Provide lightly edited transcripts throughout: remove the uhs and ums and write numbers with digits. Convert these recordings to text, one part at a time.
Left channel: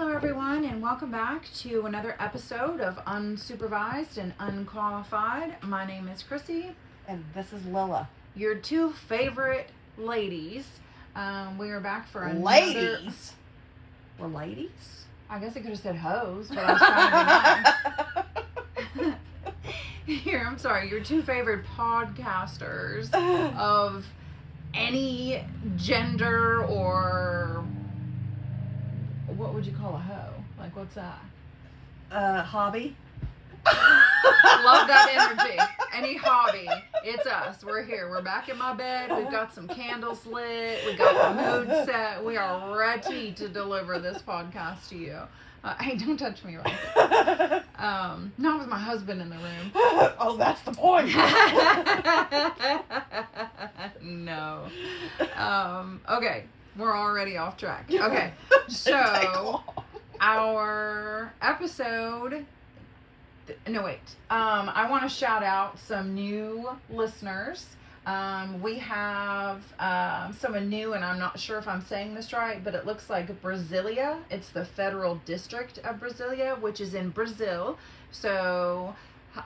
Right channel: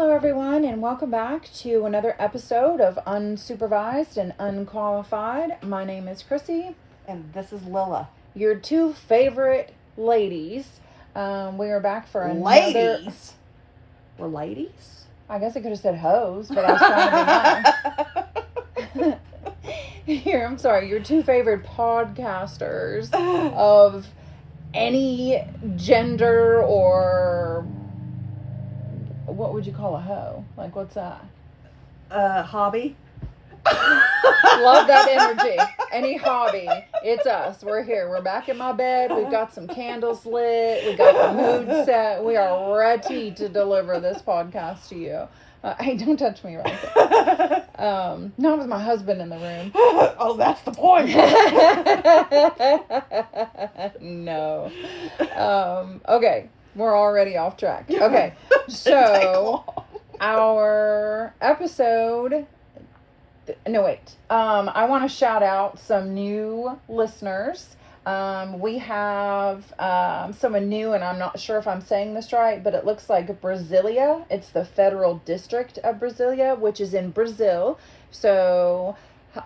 Hello, everyone, and welcome back to another episode of Unsupervised and Unqualified. My name is Chrissy. And this is Lila. Your two favorite ladies. We are back for another... Ladies? We're ladies? I guess I could have said hoes, but I was trying to be nice. Here, I'm sorry. Your two favorite podcasters of any gender or... What would you call a hoe? Like, what's that? Hobby. Love that energy. Any hobby. It's us. We're here. We're back in my bed. We've got some candles lit. We got the mood set. We are ready to deliver this podcast to you. Hey, don't touch me right there. Not with my husband in the room. Oh, that's the point. No. Okay. We're already off track. Okay. So, our episode... No, wait. I want to shout out some new listeners. We have someone new, and I'm not sure if I'm saying this right, but it looks like Brasilia. It's the Federal District of Brasilia, which is in Brazil. So,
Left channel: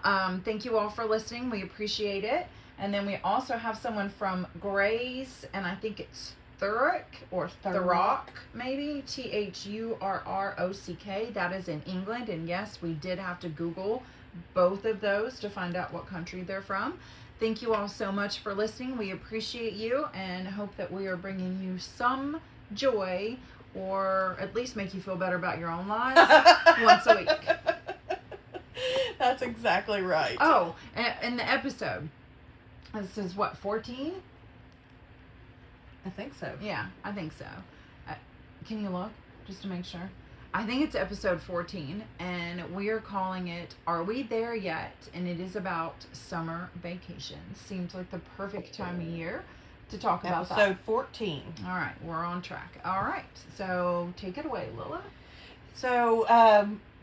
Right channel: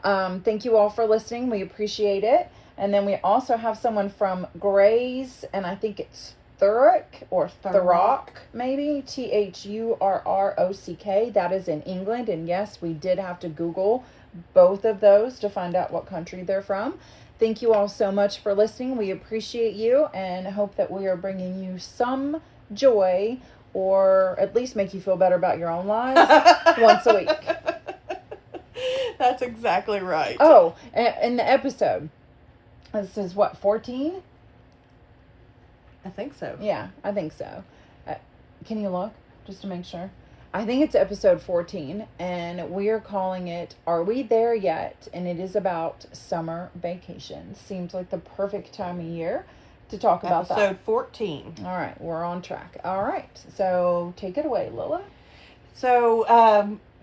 thank you all for listening. We appreciate it. And then we also have someone from Grays, and I think it's Thurrock, maybe Thurrock. That is in England, and yes, we did have to Google both of those to find out what country they're from. Thank you all so much for listening. We appreciate you and hope that we are bringing you some joy, or at least make you feel better about your own lives once a week. That's exactly right. Oh, in the episode, this is what, 14? I think so. Yeah, I think so. Can you look just to make sure? I think it's episode 14, and we are calling it Are We There Yet? And it is about summer vacations. Seems like the perfect time of year to talk about that. Episode 14. All right, we're on track. All right, so take it away, Lila. So,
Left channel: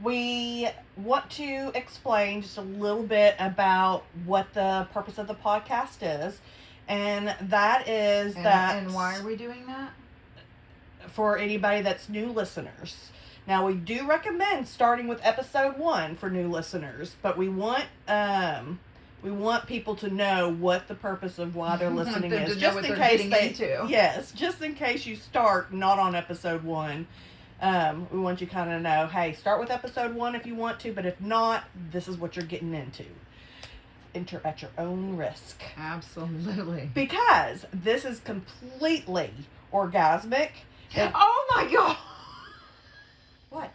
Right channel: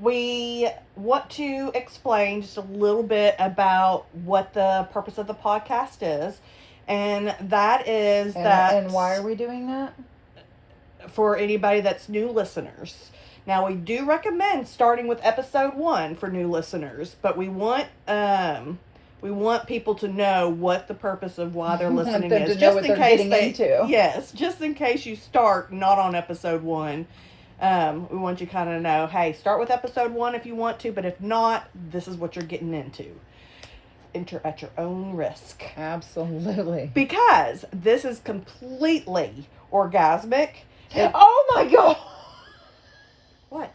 we want to explain just a little bit about what the purpose of the podcast is. And that is And why are we doing that? For anybody that's new listeners. Now, we do recommend starting with episode 1 for new listeners, but we want people to know what the purpose of why they're listening them is. to know what they're getting into. Yes, just in case you start not on episode 1. We want you kind of know, hey, start with episode 1 if you want to, but if not, this is what you're getting into. Enter at your own risk. Absolutely. Because this is completely orgasmic. Oh my God! What?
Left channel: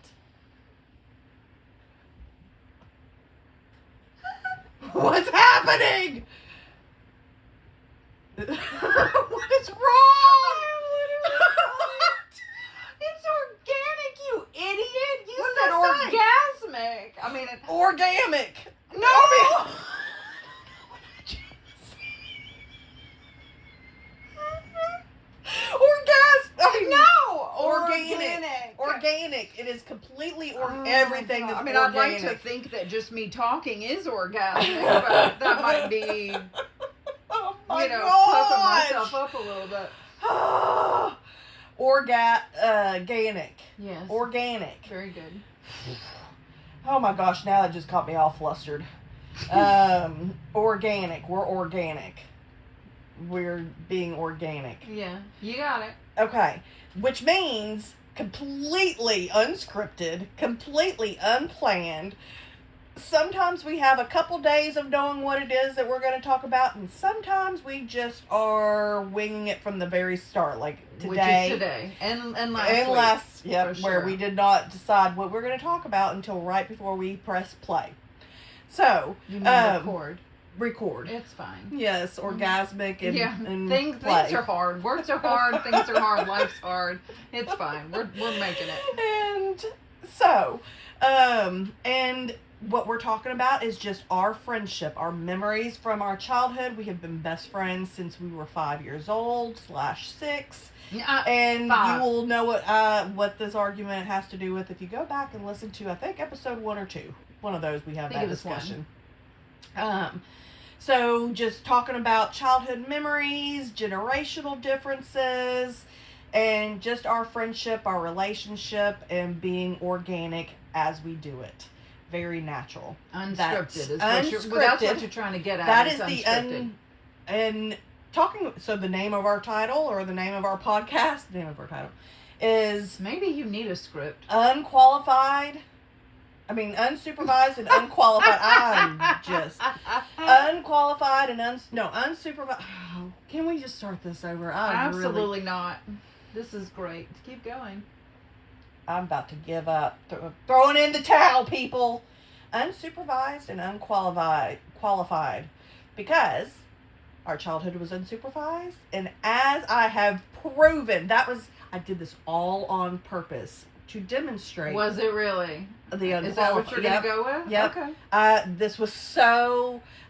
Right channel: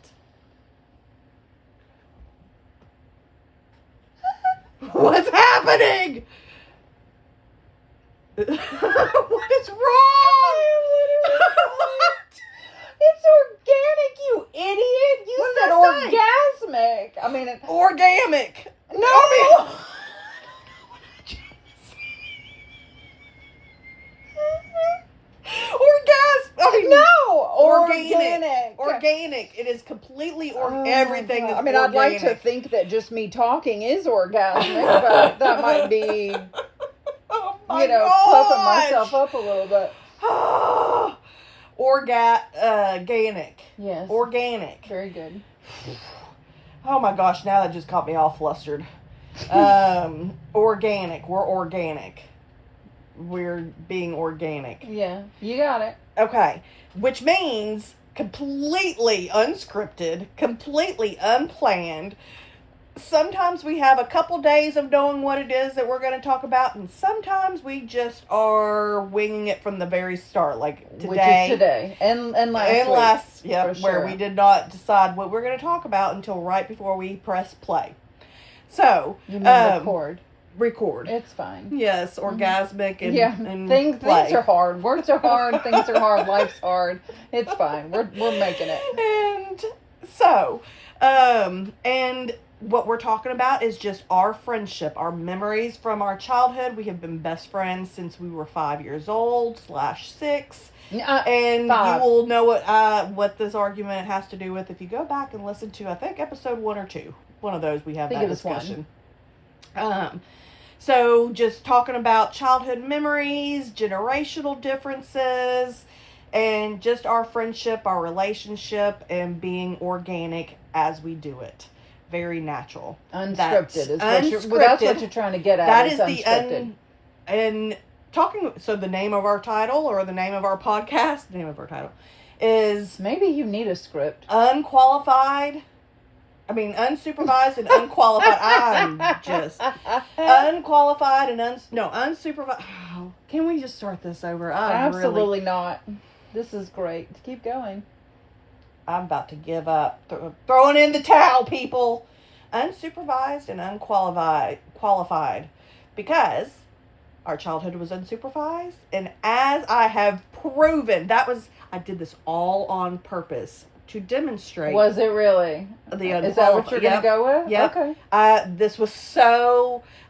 What's happening? What is wrong? It's organic, you idiot! You What said did I orgasmic. I mean, Organic. no. Organic. Organic. It is completely Oh everything. my God. Is I mean, I'd like to organic. think that just me talking is orgasmic, but that might be, Oh puffing myself up a little bit. Organic. Yes. Organic. Very good. Oh my gosh, now that just caught me all flustered. Organic. We're organic. We're being organic. Yeah, you got it. Okay. Which means completely unscripted, completely unplanned. Sometimes we have a couple days of knowing what it is that we're going to talk about, and sometimes we just are winging it from the very start, like today. Which is today and last week. Yeah, for where sure. we did not decide what we're going to talk about until right before we press play. So, You mean record. It's fine. Yes, orgasmic and and things play. are hard. Words are hard. Things are hard. Life's hard. It's fine. We're making it. And so, and what we're talking about is just our friendship, our memories from our childhood. We have been best friends since we were 5 years old /6. And 5. you will know what this argument has to do with if you go back and listen to, I think, episode 1 or 2. One of those we have that discussion. So just talking about childhood memories, generational differences, and just our friendship, our relationship, and being organic as we do it. Very natural. Unscripted is unscripted. well, that's what you're trying to get at. That is is unscripted. And talking, so the name of our title, or the name of our podcast, the name of our title is Maybe you need a script. unsupervised and unqualified. I'm just unqualified and unsupervised. Oh, can we just start this over? Absolutely not. This is great. Keep going. I'm about to give up. Throwing in the towel, people. Unsupervised and qualified, because our childhood was unsupervised, and as I have proven, I did this all on purpose to demonstrate. Was it really? Is that what you're going to go with? Yeah. Okay.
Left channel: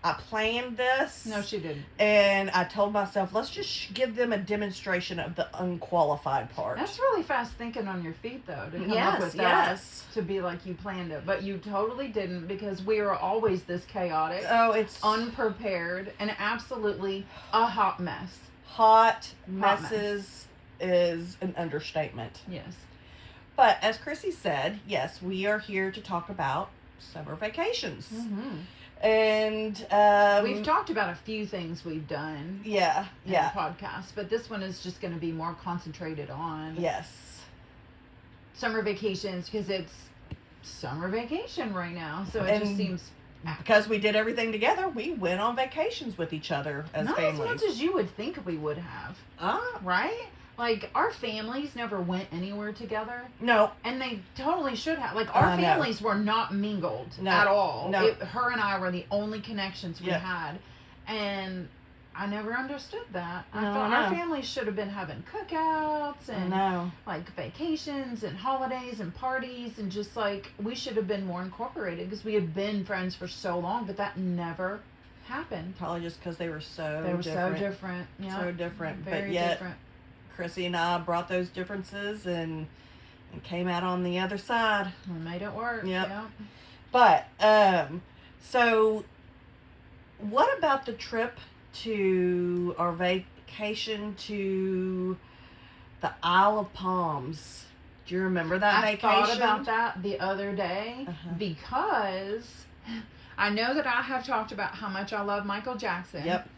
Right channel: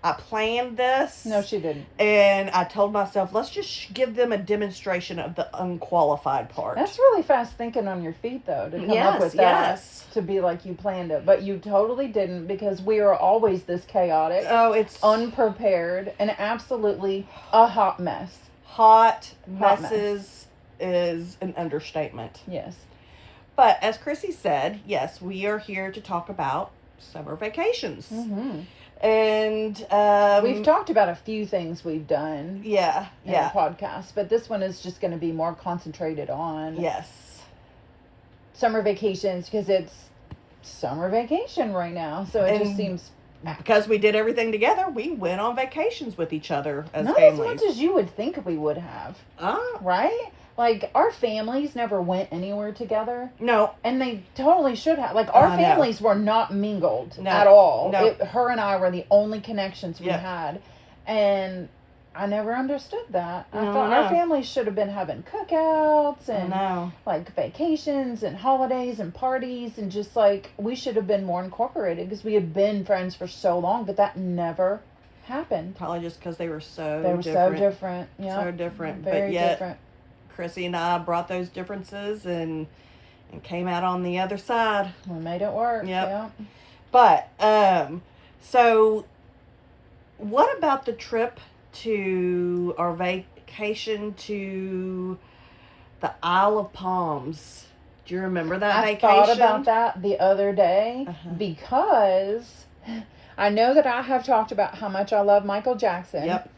I planned this. No, she didn't. And I told myself, let's just give them a demonstration of the unqualified part. That's really fast thinking on your feet, though, to come up with that. Yes. To be like you planned it. But you totally didn't, because we are always this chaotic, it's unprepared, and absolutely a hot mess. Hot messes is an understatement. Yes. But as Chrissy said, yes, we are here to talk about summer vacations. Mm-hmm. And we've talked about a few things we've done in the podcast, but this one is just going to be more concentrated on summer vacations, because it's summer vacation right now. So it just seems, because we did everything together, we went on vacations with each other as not families. as much as you would think we would have. Right? Like, our families never went anywhere together. No. And they totally should have. Like, our families were not mingled at all. No. Her and I were the only connections we had. And I never understood that. I thought our families should have been having cookouts and, like, vacations and holidays and parties. And just, like, we should have been more incorporated, because we had been friends for so long. But that never happened. Probably just because they were so different. Yeah. So different. Very but yet, different. Chrissy and I brought those differences and came out on the other side. We made it work. Yep. Yeah. But, so what about the trip to our vacation to the Isle of Palms? Do you remember that vacation? I thought about that the other day because I know that I have talked about how much I love Michael Jackson. Yep.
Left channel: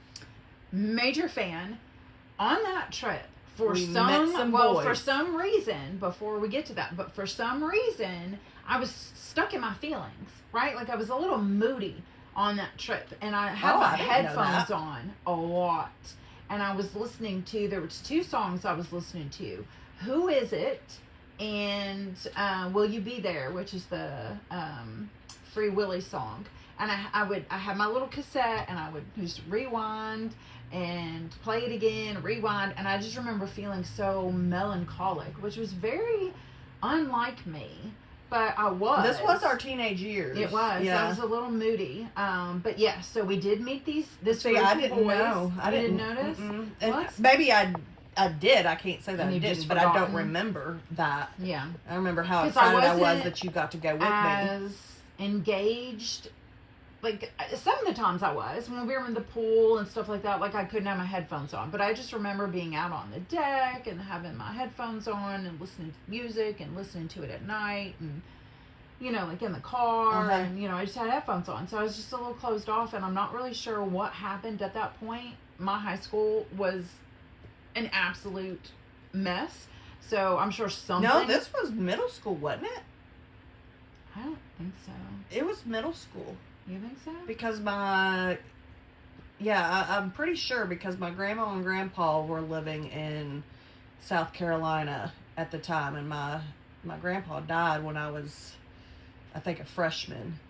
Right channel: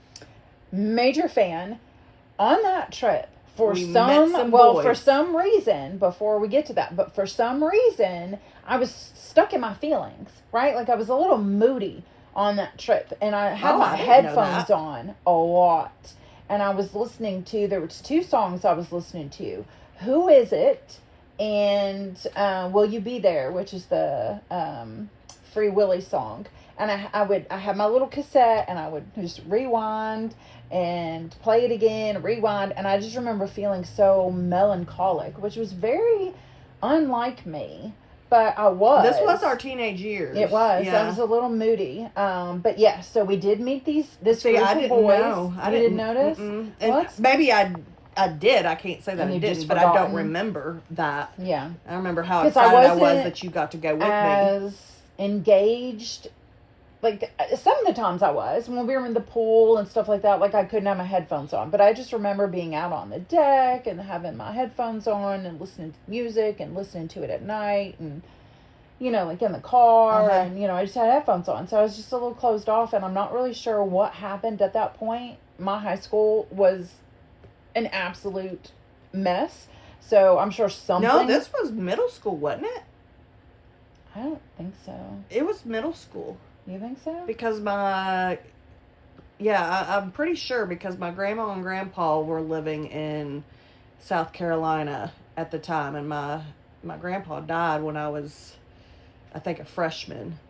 Major fan. On that trip, for some reason, before we get to that, but for some reason, I was stuck in my feelings, right? Like, I was a little moody on that trip, and I had my headphones on a lot, and I was listening to, there was 2 songs I was listening to, Who Is It, and Will You Be There, which is the Free Willy song. And I had my little cassette, and I would just rewind and play it again, rewind, and I just remember feeling so melancholic, which was very unlike me, but I was. This was our teenage years. It was. Yeah. I was a little moody. But yeah, so we did meet this group I of didn't boys. know. You didn't notice? Well, maybe I did. I can't say that And I you've didn't, just but I don't forgotten. remember that. Yeah. I remember how 'Cause I excited I was wasn't that you got to go with me. As engaged, like, some of the times I was, when we were in the pool and stuff like that, like, I couldn't have my headphones on, but I just remember being out on the deck and having my headphones on and listening to music and listening to it at night, and, you know, like, in the car, and, you know, I just had headphones on, so I was just a little closed off, and I'm not really sure what happened at that point. My high school was an absolute mess, so I'm sure something... No, this was middle school, wasn't it? I don't think so. It was middle school. You think so? Because I'm pretty sure, because my grandma and grandpa were living in South Carolina at the time, and my grandpa died when I was, I think, a freshman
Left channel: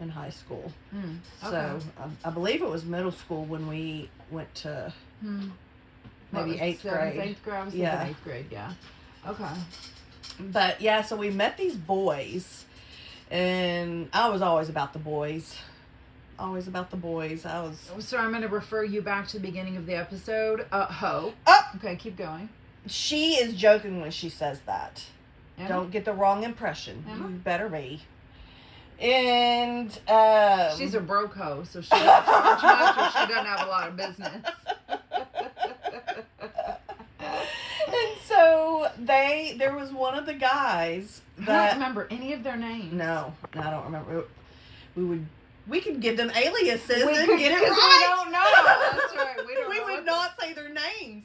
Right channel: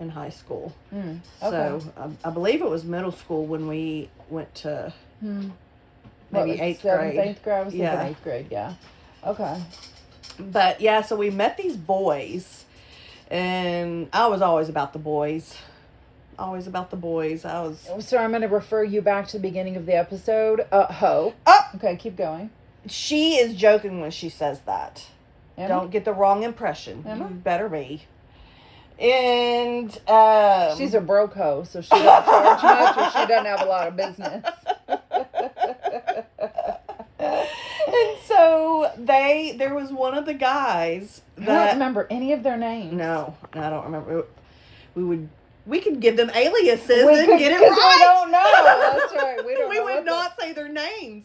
in high school. Okay. So I believe it was middle school when we went to maybe 8th grade. 8th grade. I was thinking 8th grade. Yeah. Okay. But yeah, so we met these boys, and I was always about the boys. Always about the boys. So I'm going to refer you back to the beginning of the episode. Ho. Oh! Okay, keep going. She is joking when she says that. Emma? Don't get the wrong impression. Emma? You better be. And she's a broke hoe, so she doesn't charge much, or she doesn't have a lot of business. And so There was one of the guys I don't remember any of their names. No, I don't remember. We could give them aliases We and could, get it because right. we don't know. That's right. We don't We know. would what not say their names.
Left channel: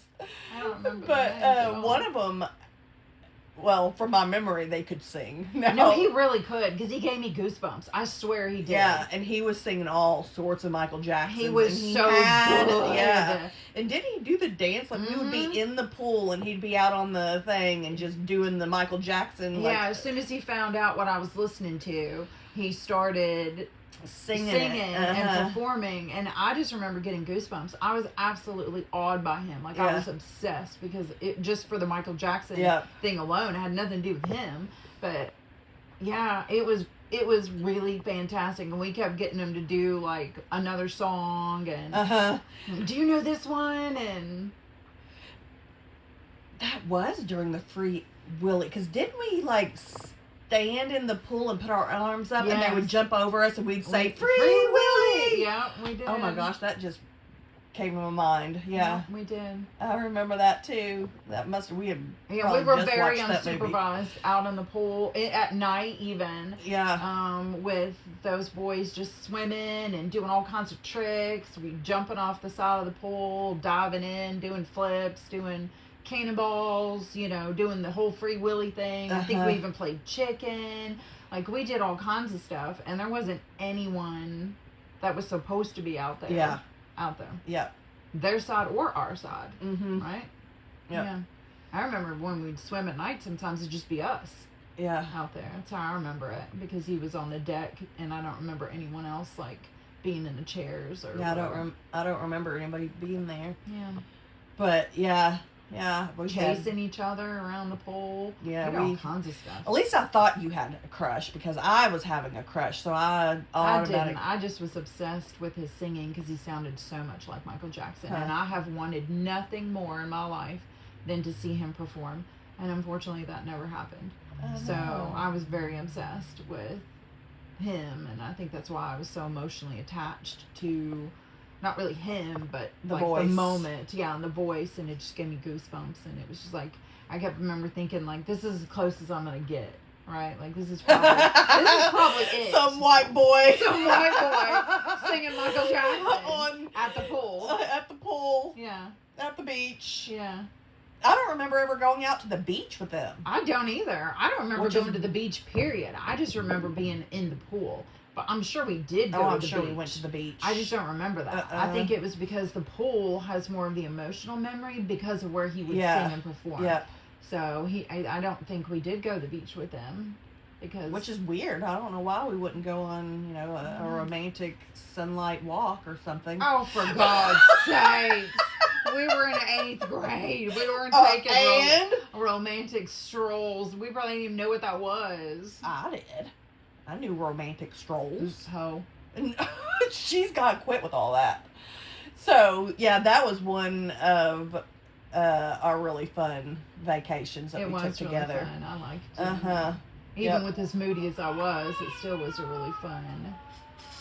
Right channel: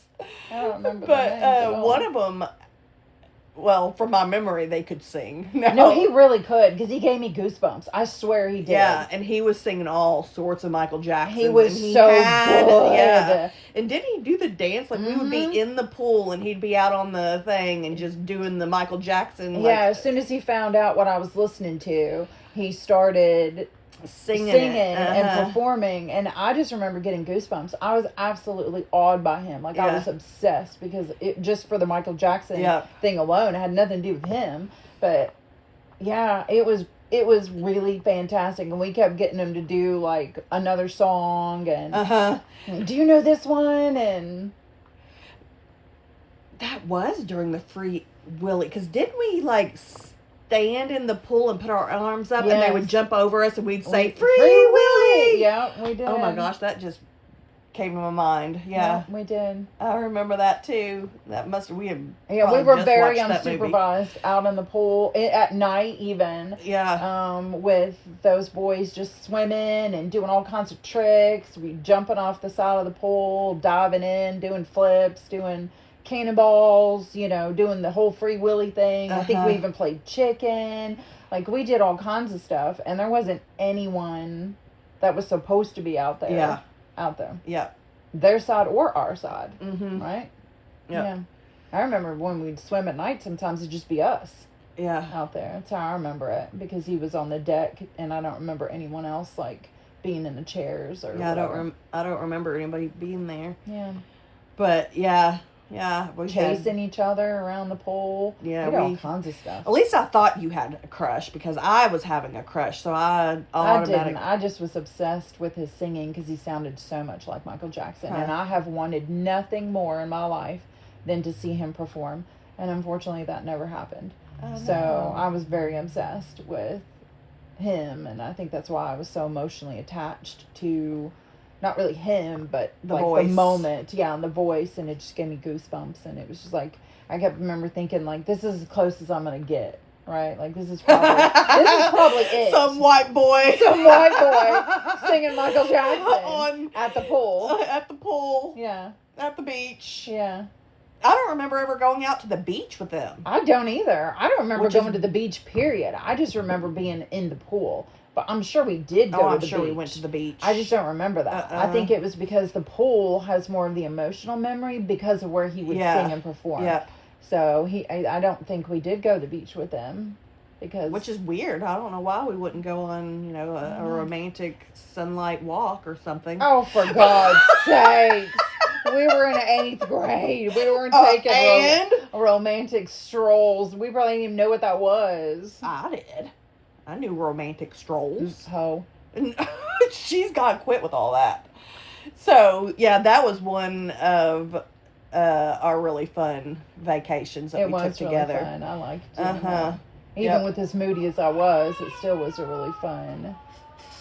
I don't remember their names at But all. one of them, well, from my memory, they could sing. No, he really could, because he gave me goosebumps. I swear he did. Yeah, and he was singing all sorts of Michael Jackson. He was so good. Yeah. And didn't he do the dance? Like, we would Mm-hmm. be in the pool, and he'd be out on the thing and just doing the Michael Jackson. Like, Yeah, as soon as he found out what I was listening to, he started singing and performing, and I just remember getting goosebumps. I was absolutely awed by him. Like, I was obsessed, because it just for the Michael Jackson thing alone, it had nothing to do with him. But yeah, it was really fantastic, and we kept getting him to do like another song, and do you know this one? And that was during the Free Willy, because didn't we like stand in the pool and put our arms up, and they would jump over us, and we'd say Free Willy. Yeah, we did. Oh my gosh, that just came to my mind. Yeah, we did. I remember that too. That we had. Yeah, we were very unsupervised out in the pool at night, even. Yeah. With those boys just swimming and doing all kinds of tricks. We jumping off the side of the pool, diving in, doing flips, doing cannonballs, doing the whole Free Willy thing. I think we even played chicken. Like, we did all kinds of stuff, and there wasn't anyone that was supposed to be out there. Yeah. Out there. Yeah. Their side or our side. Mm-hmm. Right? Yep. Yeah. I remember when we'd swim at night, sometimes it'd just be us. Yeah. Out there. That's how I remember it, because he was on the deck, and I don't remember anyone else like being in the chairs or whatever. I don't remember anybody being there. Yeah. But yeah, we chasing each other around the pool. Yeah, we did all kinds of stuff. At least I thought you had a crush, because I was having a crush, so I didn't. I just was obsessed with his singing, because he sounded so much like Michael Jackson, and I have wanted nothing more in my life than to see him perform, and unfortunately that never happened. So I was very obsessed with him, and I think that's why I was so emotionally attached to not really him, but the like voice. The moment, and the voice, and it just gave me goosebumps, and it was just like, I kept remember thinking, like, this is as close as I'm gonna get, right? Like, this is probably it. Some white boy singing Michael Jackson at the pool. At the pool. Yeah. At the beach. Yeah. I don't remember ever going out to the beach with them. I don't either. I don't remember going to the beach, period. I just remember being in the pool. But I'm sure we did go to the beach. We went to the beach. I just don't remember that. I think it was because the pool has more of the emotional memory because of where he would sing and perform. Yeah. So I don't think we did go to the beach with them, which is weird. I don't know why we wouldn't go on, a romantic sunlight walk or something. Oh, for God's sakes. We were in 8th grade. We weren't taking romantic strolls. We probably didn't even know what that was. I did. I knew romantic strolls. Oh. She's got to quit with all that. So, yeah, that was one of our really fun vacations that we took together. It was really fun. I liked it. Even with as moody as I was, it still was a really fun.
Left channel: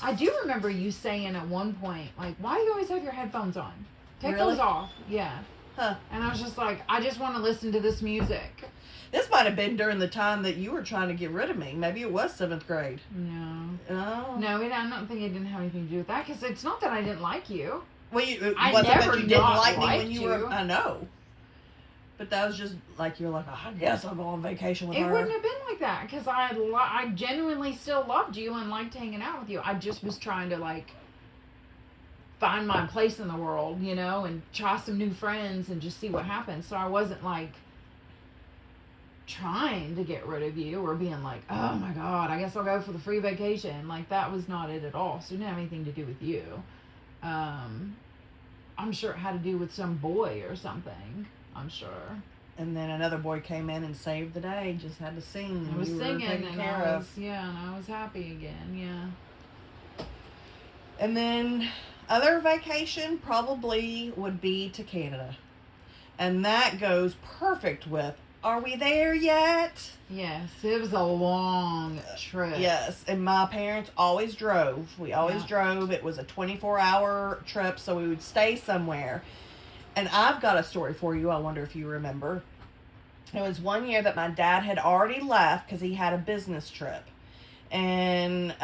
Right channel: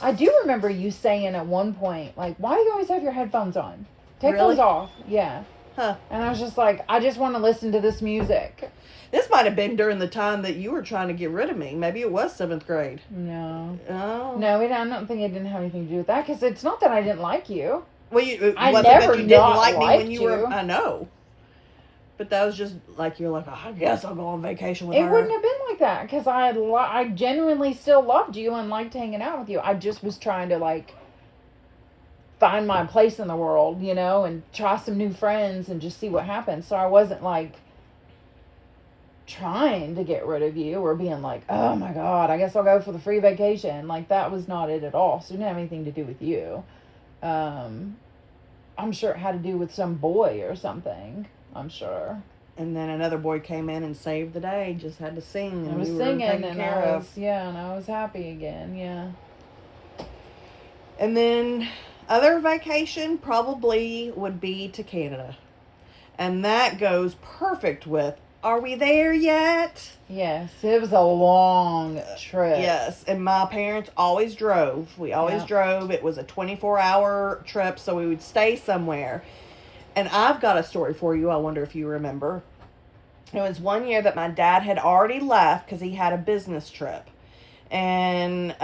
I do remember you saying at one point, like, why do you always have your headphones on? Take those off. Yeah. Huh. And I was just like, I just want to listen to this music. This might have been during the time that you were trying to get rid of me. Maybe it was 7th grade. No. Oh. No, I don't think it didn't have anything to do with that, because it's not that I didn't like you. Well, I never you not like me liked when you were. I know. But that was just like, you're like, I guess I'll go on vacation with her. It wouldn't have been like that, because I genuinely still loved you and liked hanging out with you. I just was trying to, like, find my place in the world, and try some new friends and just see what happens. So I wasn't, like, trying to get rid of you or being like, oh my God, I guess I'll go for the free vacation. Like, that was not it at all. So it didn't have anything to do with you. I'm sure it had to do with some boy or something. I'm sure. And then another boy came in and saved the day. Just had to sing. I was singing, and I was happy again. Yeah. And then other vacation probably would be to Canada, and that goes perfect with, are we there yet? Yes, it was a long trip. Yes, and my parents always drove. We always drove. It was a 24-hour trip, so we would stay somewhere. And I've got a story for you. I wonder if you remember. It was one year that my dad had already left because he had a business trip. And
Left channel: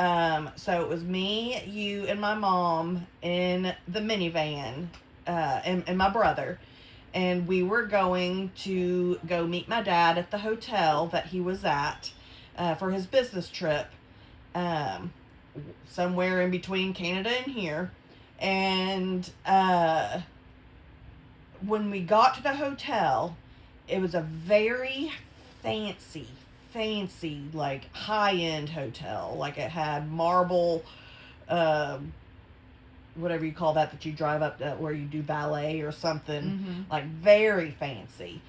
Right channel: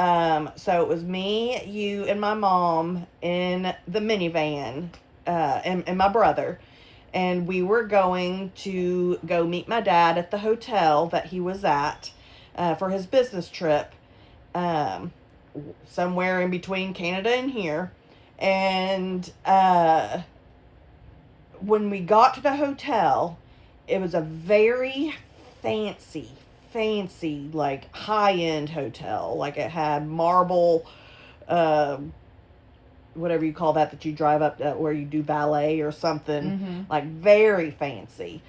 so it was me, you, and my mom in the minivan, and my brother. And we were going to go meet my dad at the hotel that he was at for his business trip, somewhere in between Canada and here. And when we got to the hotel, it was a very fancy, like high-end hotel. Like it had marble, whatever you call that you drive up where you do ballet or something. Mm-hmm. Like very fancy.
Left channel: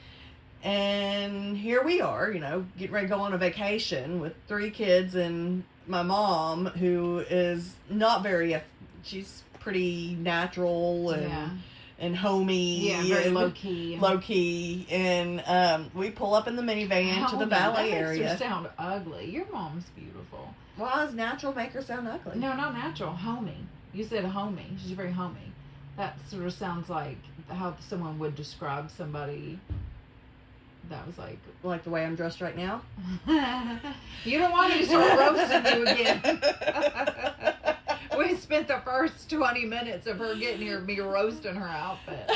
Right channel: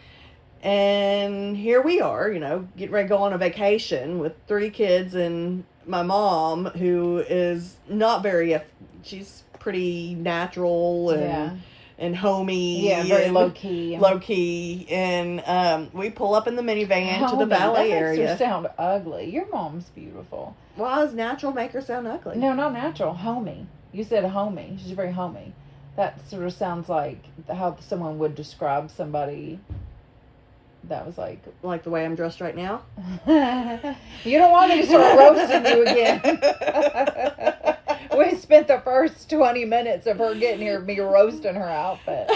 And here we are, getting ready to go on a vacation with 3 kids and my mom, who is not very, she's pretty natural and homey. Yeah, very and low key. Low key. And we pull up in the minivan to the ballet area. That makes her sound ugly. Your mom's beautiful. Well, does natural make her sound ugly? No, not natural. Homey. You said homey. She's very homey. That sort of sounds like how someone would describe somebody that was like the way I'm dressed right now. You don't want me to start roasting you again. We spent the first 20 minutes of her getting here, me roasting her outfit.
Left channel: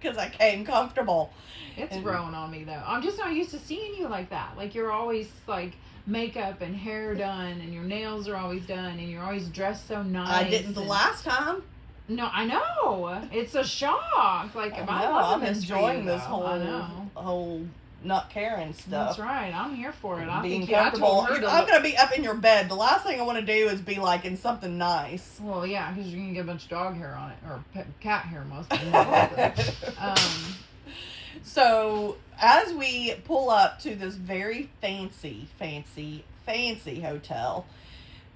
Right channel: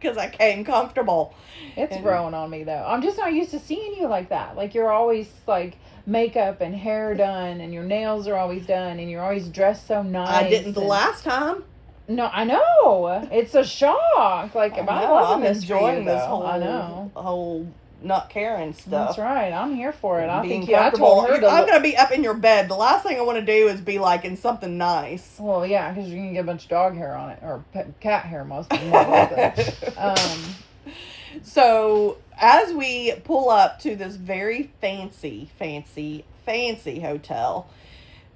Because I came comfortable. It's growing on me though. I'm just not used to seeing you like that. Like you're always like makeup and hair done, and your nails are always done, and you're always dressed so nice. I didn't the last time. No, I know. It's a shock. Like, I'm loving this for you, enjoying this though. whole not caring stuff. That's right. I'm here for it. I Being think I told her to. I'm gonna be up in your bed. The last thing I want to do is be like in something nice. Well, yeah, because you're gonna get a bunch of dog hair on it, or cat hair, most more likely. So as we pull up to this very fancy hotel,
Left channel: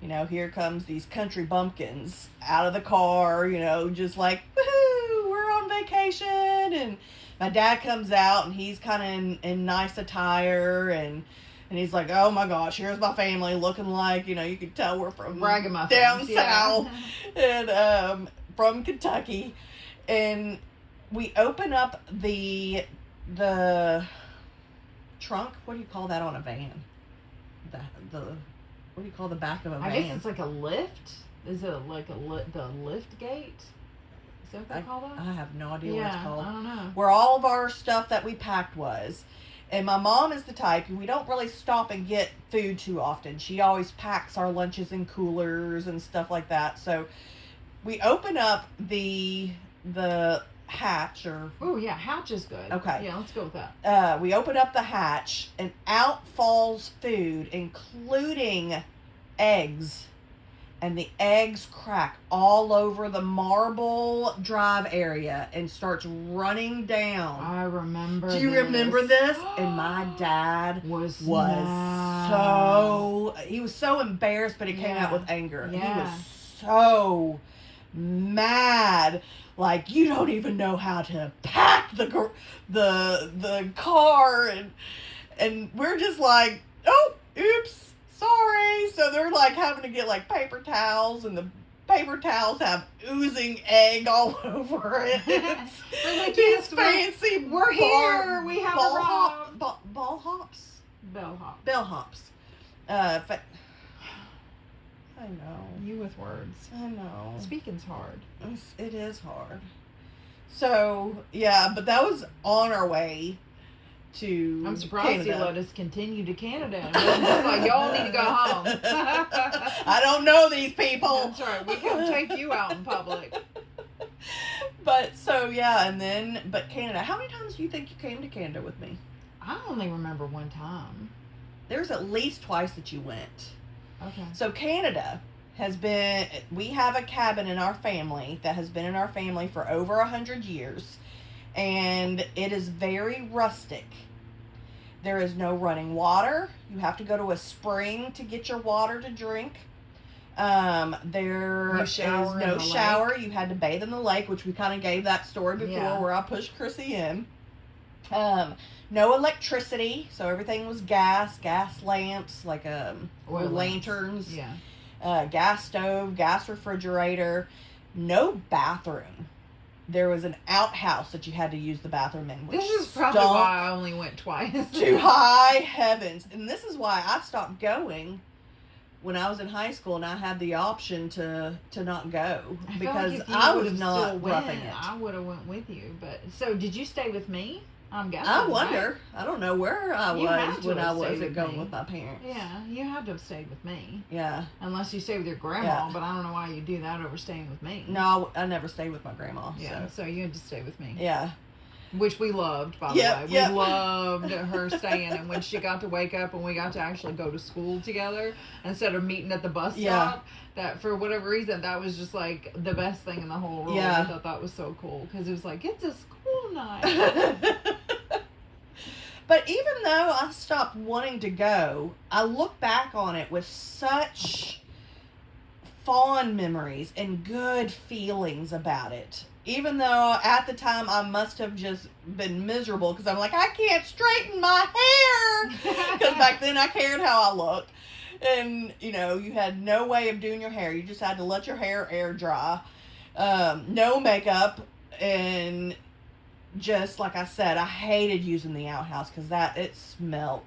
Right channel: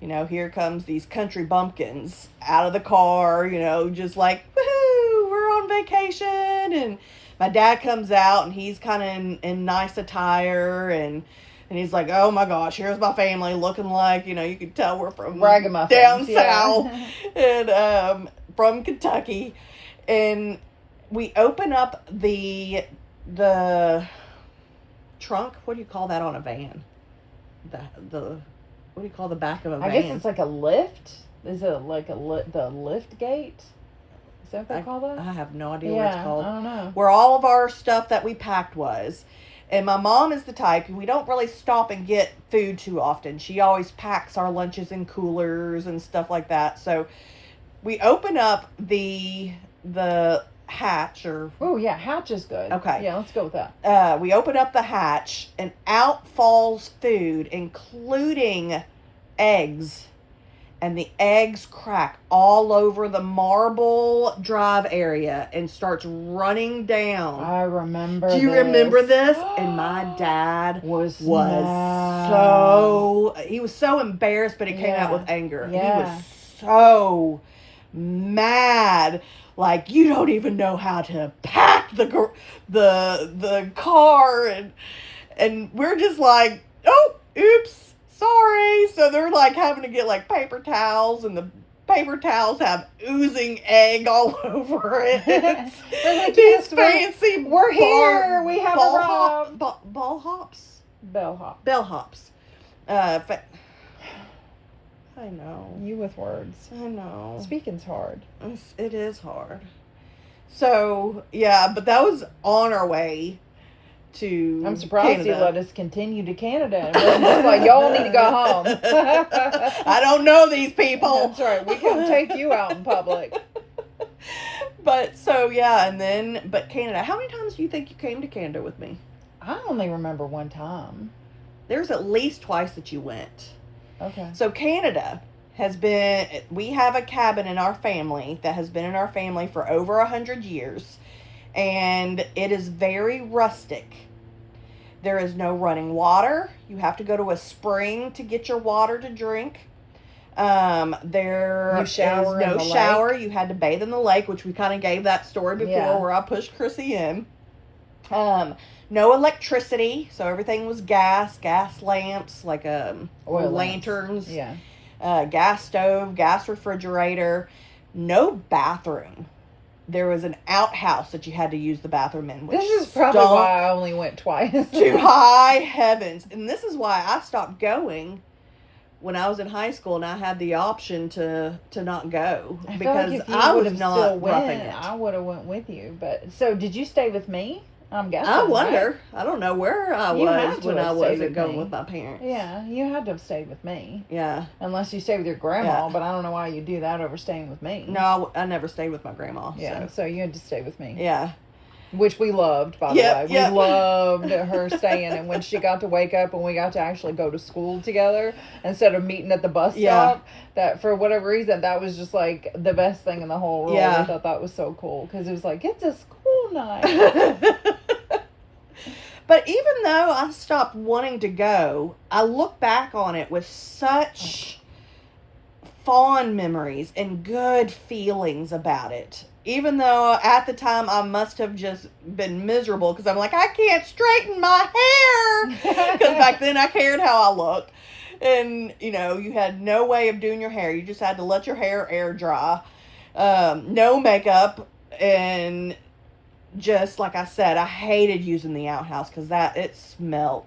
here comes these country bumpkins out of the car, just like, woohoo, we're on vacation. And my dad comes out and he's kind of in nice attire, and he's like, oh my gosh, here's my family looking like, you could tell we're from down south and from Kentucky. And we open up the trunk. What do you call that on a van? What do you call the back of a van? I guess it's like a lift. Is it like the lift gate? Is that what they call that? I have no idea what it's called. I don't know. Where all of our stuff that we packed was. And my mom is the type, and we don't really stop and get food too often. She always packs our lunches in coolers and stuff like that. So we open up the hatch, or hatch is good. Okay. Yeah, let's go with that. We open up the hatch, and out falls food, including eggs. And the eggs crack all over the marble drive area and starts running down. I remember Do you remember this? And my dad was so embarrassed, but he came out with anger. Yeah. He was so mad. Like, you don't even know how to pack the car, and we're just like, oh, oops, sorry. So they're like having to get like paper towels, and the paper towels have oozing egg all over it. They're like, yes, fancy. We're here. We have arrived. Bellhops. I know. You with words. I know. Speaking's hard. It is hard. So, yeah, but that was on our way to I'm surprised Canada. you let us continue to Canada. And we're just like, y'all need to go home. I don't know these people. That's right. We can take you out in public. But, so, yeah, but Canada. How many times do you think you came to Canada with me? I only remember one time. There's at least twice that you went. Okay. So Canada we have a cabin in our family that has been in our family for over 100 years, and it is very rustic. There is no running water. You have to go to a spring to get your water to drink. There you shower is no in the shower. lake. You had to bathe in the lake, which we kind of gave that story before, where I pushed Chrissy in. No electricity, so everything was gas lamps, like oil lanterns, lamps. gas stove, gas refrigerator, no bathroom. there was an outhouse that you had to use the bathroom in. This is probably why I only went twice. To high heavens. And this is why I stopped going when I was in high school, and I had the option to not go. I feel like if you would have still roughing went, it. I would have went with you. But so, did you stay with me? I'm guessing. I wonder. Right? I don't know where I You had was to when have I stayed wasn't with going me. with my parents. Yeah, you had to have stayed with me. Yeah. Unless you stayed with your grandma, Yeah. but I don't know why you do that over staying with me. No, I never stayed with my grandma. Yeah, so you had to stay with me. Yeah. Which we loved, by the Yep, way. yep. We loved her staying. And when she got to wake up and we got to actually go to school together instead of meeting at the bus Yeah. stop, that for whatever reason, that was just like the best thing in the whole world. Yeah. I thought that was so cool because it was like, it's a school night. But even though I stopped wanting to go, I look back on it with such fond memories and good feelings about it. Even though at the time I must have just been miserable because I'm like, I can't straighten my hair. Because back then I cared how I looked. And, you know, you had no way of doing your hair. You just had to let your hair air dry. No makeup. And just like I said, I hated using the outhouse because it smelled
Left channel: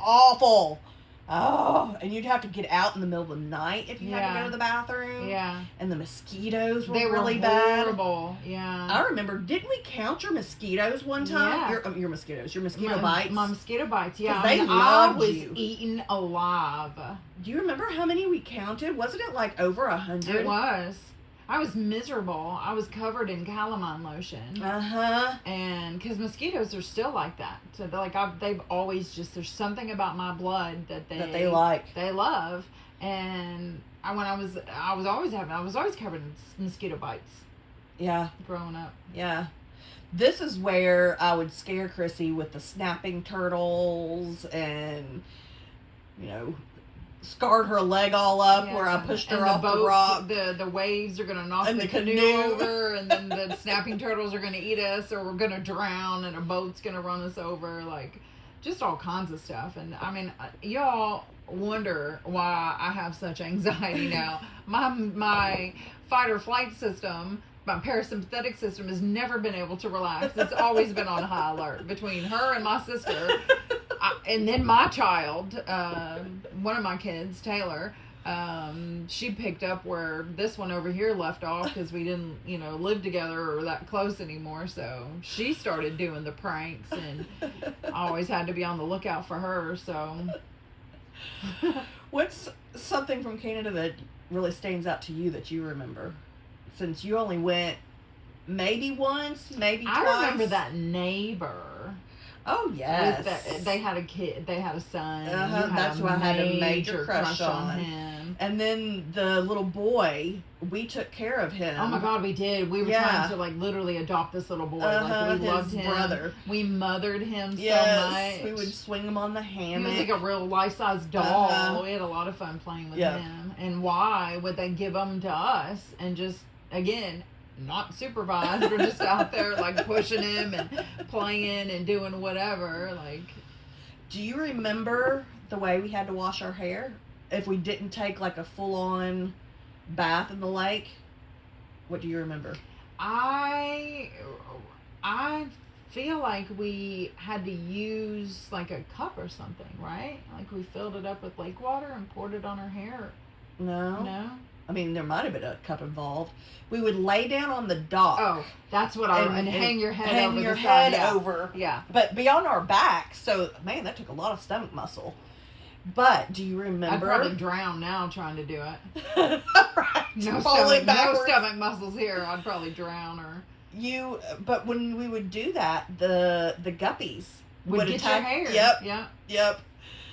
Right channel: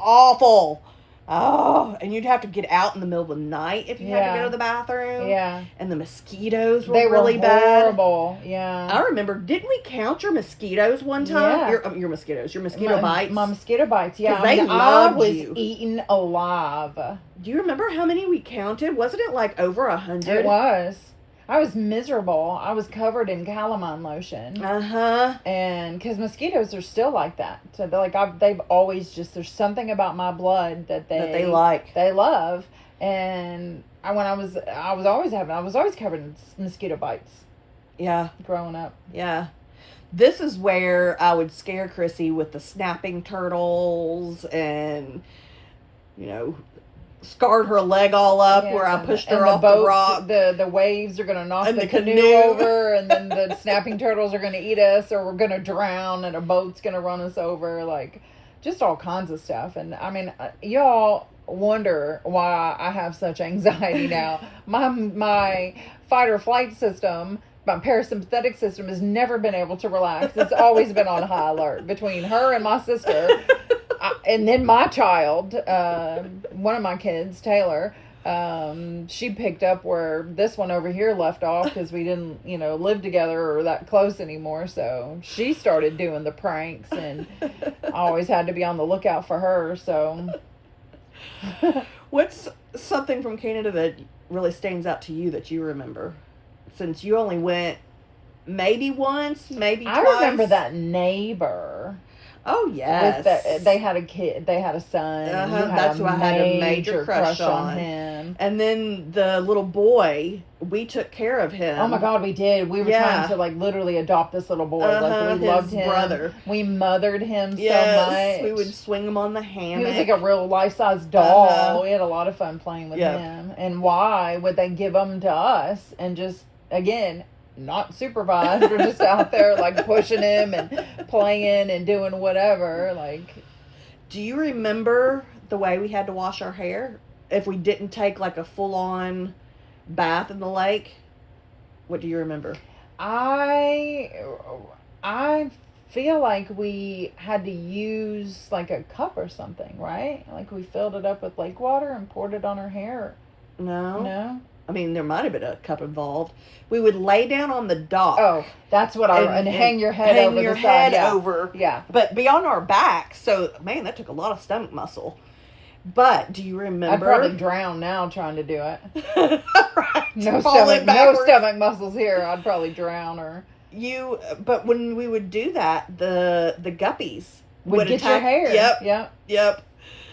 awful. Oh, and you'd have to get out in the middle of the night if you had to go to the bathroom. Yeah. And the mosquitoes were They really were bad. horrible. Yeah. I remember, didn't we count your mosquitoes one time? Yeah. Your mosquito bites. My mosquito bites, yeah. 'Cause I mean, they I loved was you. eaten alive. Do you remember how many we counted? Wasn't it like over 100? It was. I was miserable. I was covered in calamine lotion. Uh-huh. And because mosquitoes are still like that. So they're like, they've always just, there's something about my blood that they like. They love. And I was always covered in mosquito bites. Yeah. Growing up. Yeah. This is where I would scare Chrissy with the snapping turtles and, you know, scarred her leg all up where I pushed her off the rock. The waves are going to knock And the the canoe canoe. over, and then the snapping turtles are going to eat us, or we're going to drown, and a boat's going to run us over. Like, just all kinds of stuff. And, I mean, y'all wonder why I have such anxiety now. My fight or flight system, my parasympathetic system has never been able to relax. It's always been on high alert between her and my sister. And then my child, one of my kids, Taylor, she picked up where this one over here left off because we didn't, live together or that close anymore. So she started doing the pranks, and I always had to be on the lookout for her. So What's something from Canada that really stands out to you that you remember? Since you only went maybe once, maybe twice. I remember that neighbor. Oh, yes. They had a kid. They had a son. And you had That's who I had a major crush on on. him. And then the little boy, we took care of him. Oh my God, we did. We were trying to literally adopt this little boy. We loved him. Brother. We mothered him so Yes, much. we would swing him on the hammock. He was like a real life-size doll. We had a lot of fun playing with him. And why would they give him to us and just, again, not supervised? We're just out there pushing him and playing and doing whatever. Do you remember the way we had to wash our hair if we didn't take a full-on bath in the lake? What do you remember? I feel like we had to use a cup or something, right? We filled it up with lake water and poured it on our hair. No? I mean, there might have been a cup involved. We would lay down on the dock. Oh, that's what and hang your head hang over your the side. head over. Yeah. But be on our back. So, man, that took a lot of stomach muscle. But do you remember? I'd probably drown now trying to do it. Right. No stomach muscles here. I'd probably drown or. But when we would do that, the guppies would get your hair. Yep.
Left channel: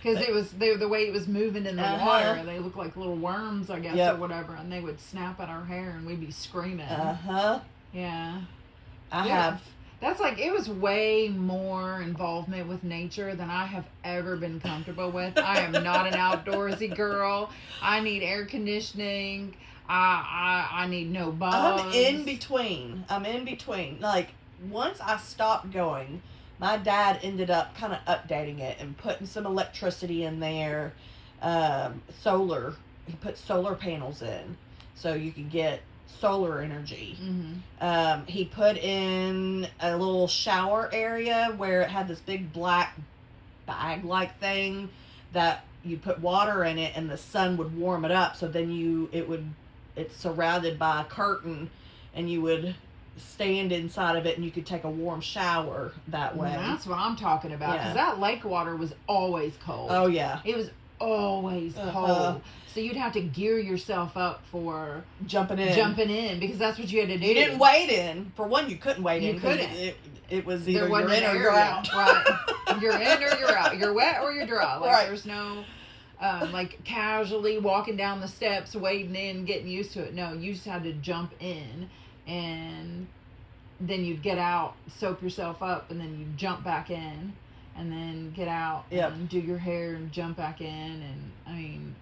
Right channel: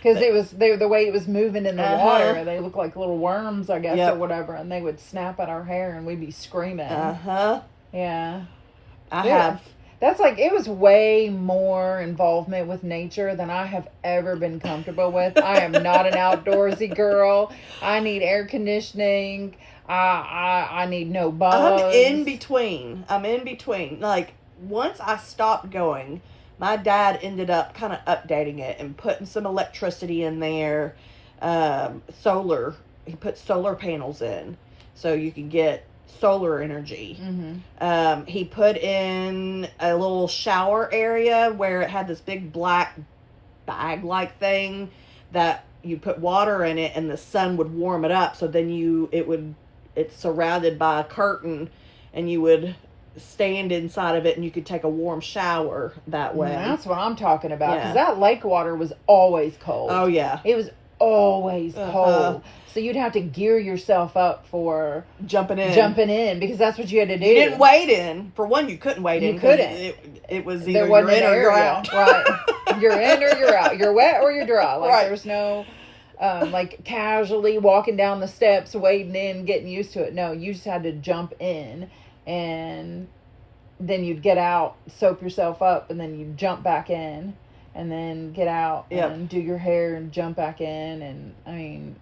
Because it was the way it was moving in the water. Uh-huh. They looked like little worms, I guess, or whatever, and they would snap at our hair, and we'd be screaming. Yeah. That's it was way more involvement with nature than I have ever been comfortable with. I am not an outdoorsy girl. I need air conditioning. I need no bugs. I'm in between. Once I stopped going, my dad ended up kind of updating it and putting some electricity in there. Solar. He put solar panels in so you could get solar energy. Mm-hmm. He put in a little shower area where it had this big black bag-like thing that you put water in it and the sun would warm it up. So then it's surrounded by a curtain and you would stand inside of it and you could take a warm shower that way. That's what I'm talking about. Yeah. Because that lake water was always cold. Oh, yeah. It was always cold. So you'd have to gear yourself up for jumping in because that's what you had to do. You didn't wade in. For one, you couldn't wade in. You couldn't. It was either there wasn't you're in an or you're area. out. Right. You're in or you're out. You're wet or you're dry. Like Right. there's no like casually walking down the steps, wading in, getting used to it. No, you just had to jump in, and then you'd get out, soap yourself up, and then you'd jump back in, and then get out and do your hair and jump back in. And I mean,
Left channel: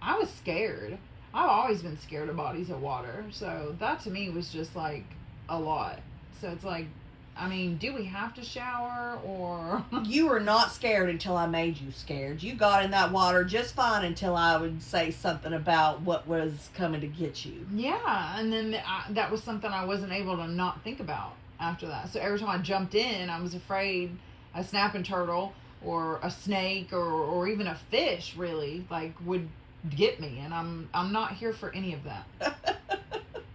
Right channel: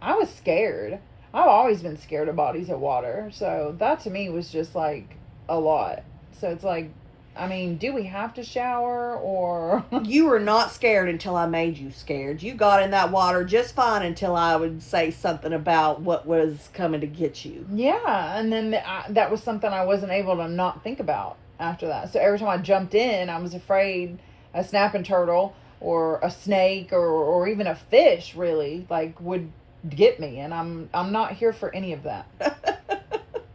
I was scared. I've always been scared of bodies of water. So that to me was just like a lot. So it's like, I mean, do we have to shower or? You were not scared until I made you scared. You got in that water just fine until I would say something about what was coming to get you. Yeah. And then that was something I wasn't able to not think about after that. So every time I jumped in, I was afraid a snapping turtle or a snake or even a fish really like would get me, and I'm not here for any of that.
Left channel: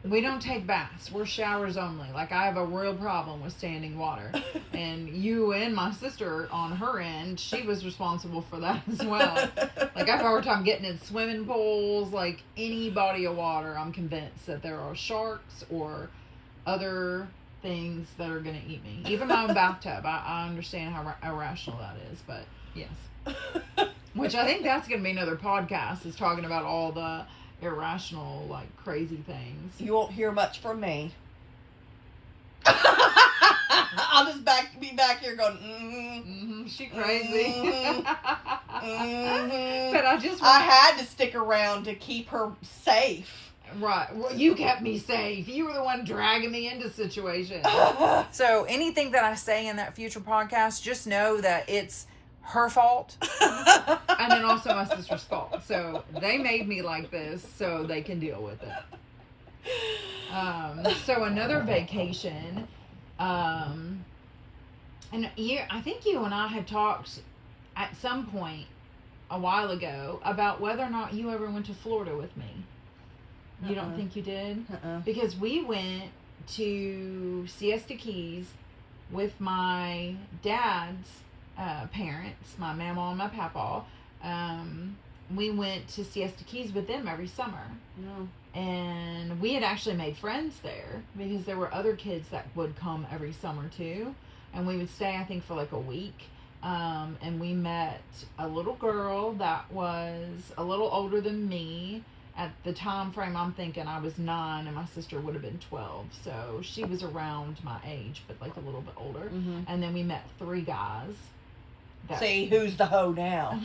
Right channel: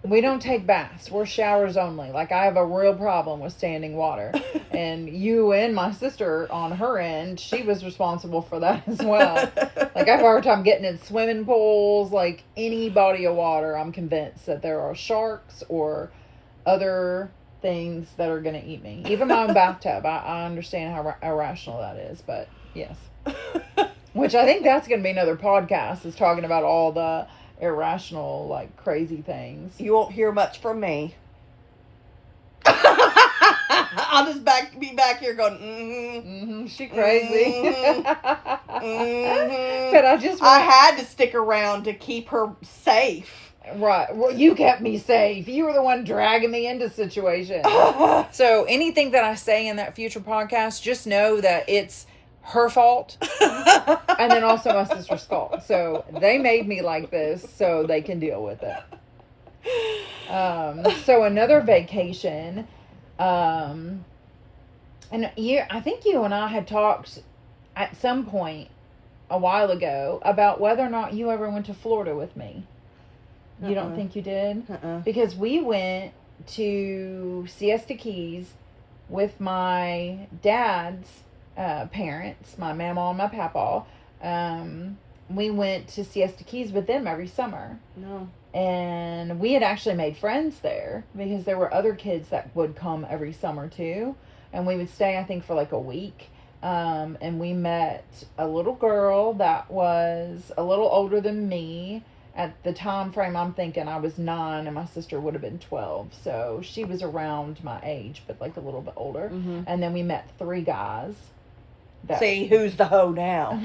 We don't take baths. We're showers only. Like, I have a real problem with standing water. And you and my sister on her end, she was responsible for that as well. Like, I have a hard time getting in swimming pools, like any body of water. I'm convinced that there are sharks or other things that are going to eat me. Even my own bathtub. I understand how irrational that is, but yes. Which I think that's going to be another podcast, is talking about all the irrational, like, crazy things. You won't hear much from me. I'll just be back here going, she crazy. Mm-hmm. But I had to stick around to keep her safe. Right. Well, you kept me safe. You were the one dragging me into situations. So anything that I say in that future podcast, just know that it's her fault and then also my sister's fault. So they made me like this so they can deal with it. So another vacation, and I think you and I had talked at some point a while ago about whether or not you ever went to Florida with me. You don't think you did? Because we went to Siesta Keys with my dad's parents, my mama and my papa. We went to Siesta Keys with them every summer. No. And we had actually made friends there because there were other kids that would come every summer too. And we would stay, I think, for like a week. And we met a little girl that was a little older than me. At the time frame, I'm thinking I was 9 and my sister would have been 12. So she was around my age, but like a little bit older. Mm-hmm. And then we met 3 guys. See, who's the hoe now?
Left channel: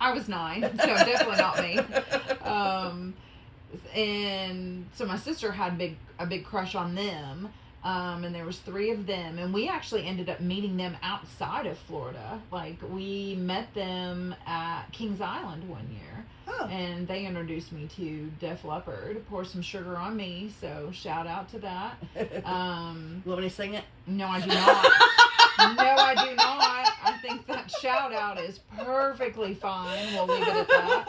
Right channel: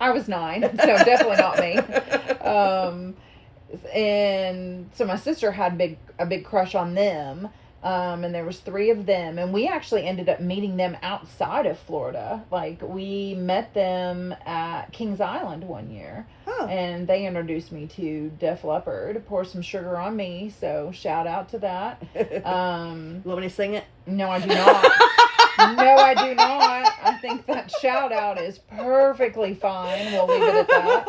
I was 9, so definitely not me. And so my sister had a big crush on them. And there was 3 of them, and we actually ended up meeting them outside of Florida. Like, we met them at Kings Island one year. Oh. And they introduced me to Def Leppard. Pour Some Sugar on Me, so shout out to that. You want me to sing it? No, I do not. No, I do not. I think that shout out is perfectly fine. We'll leave it at that.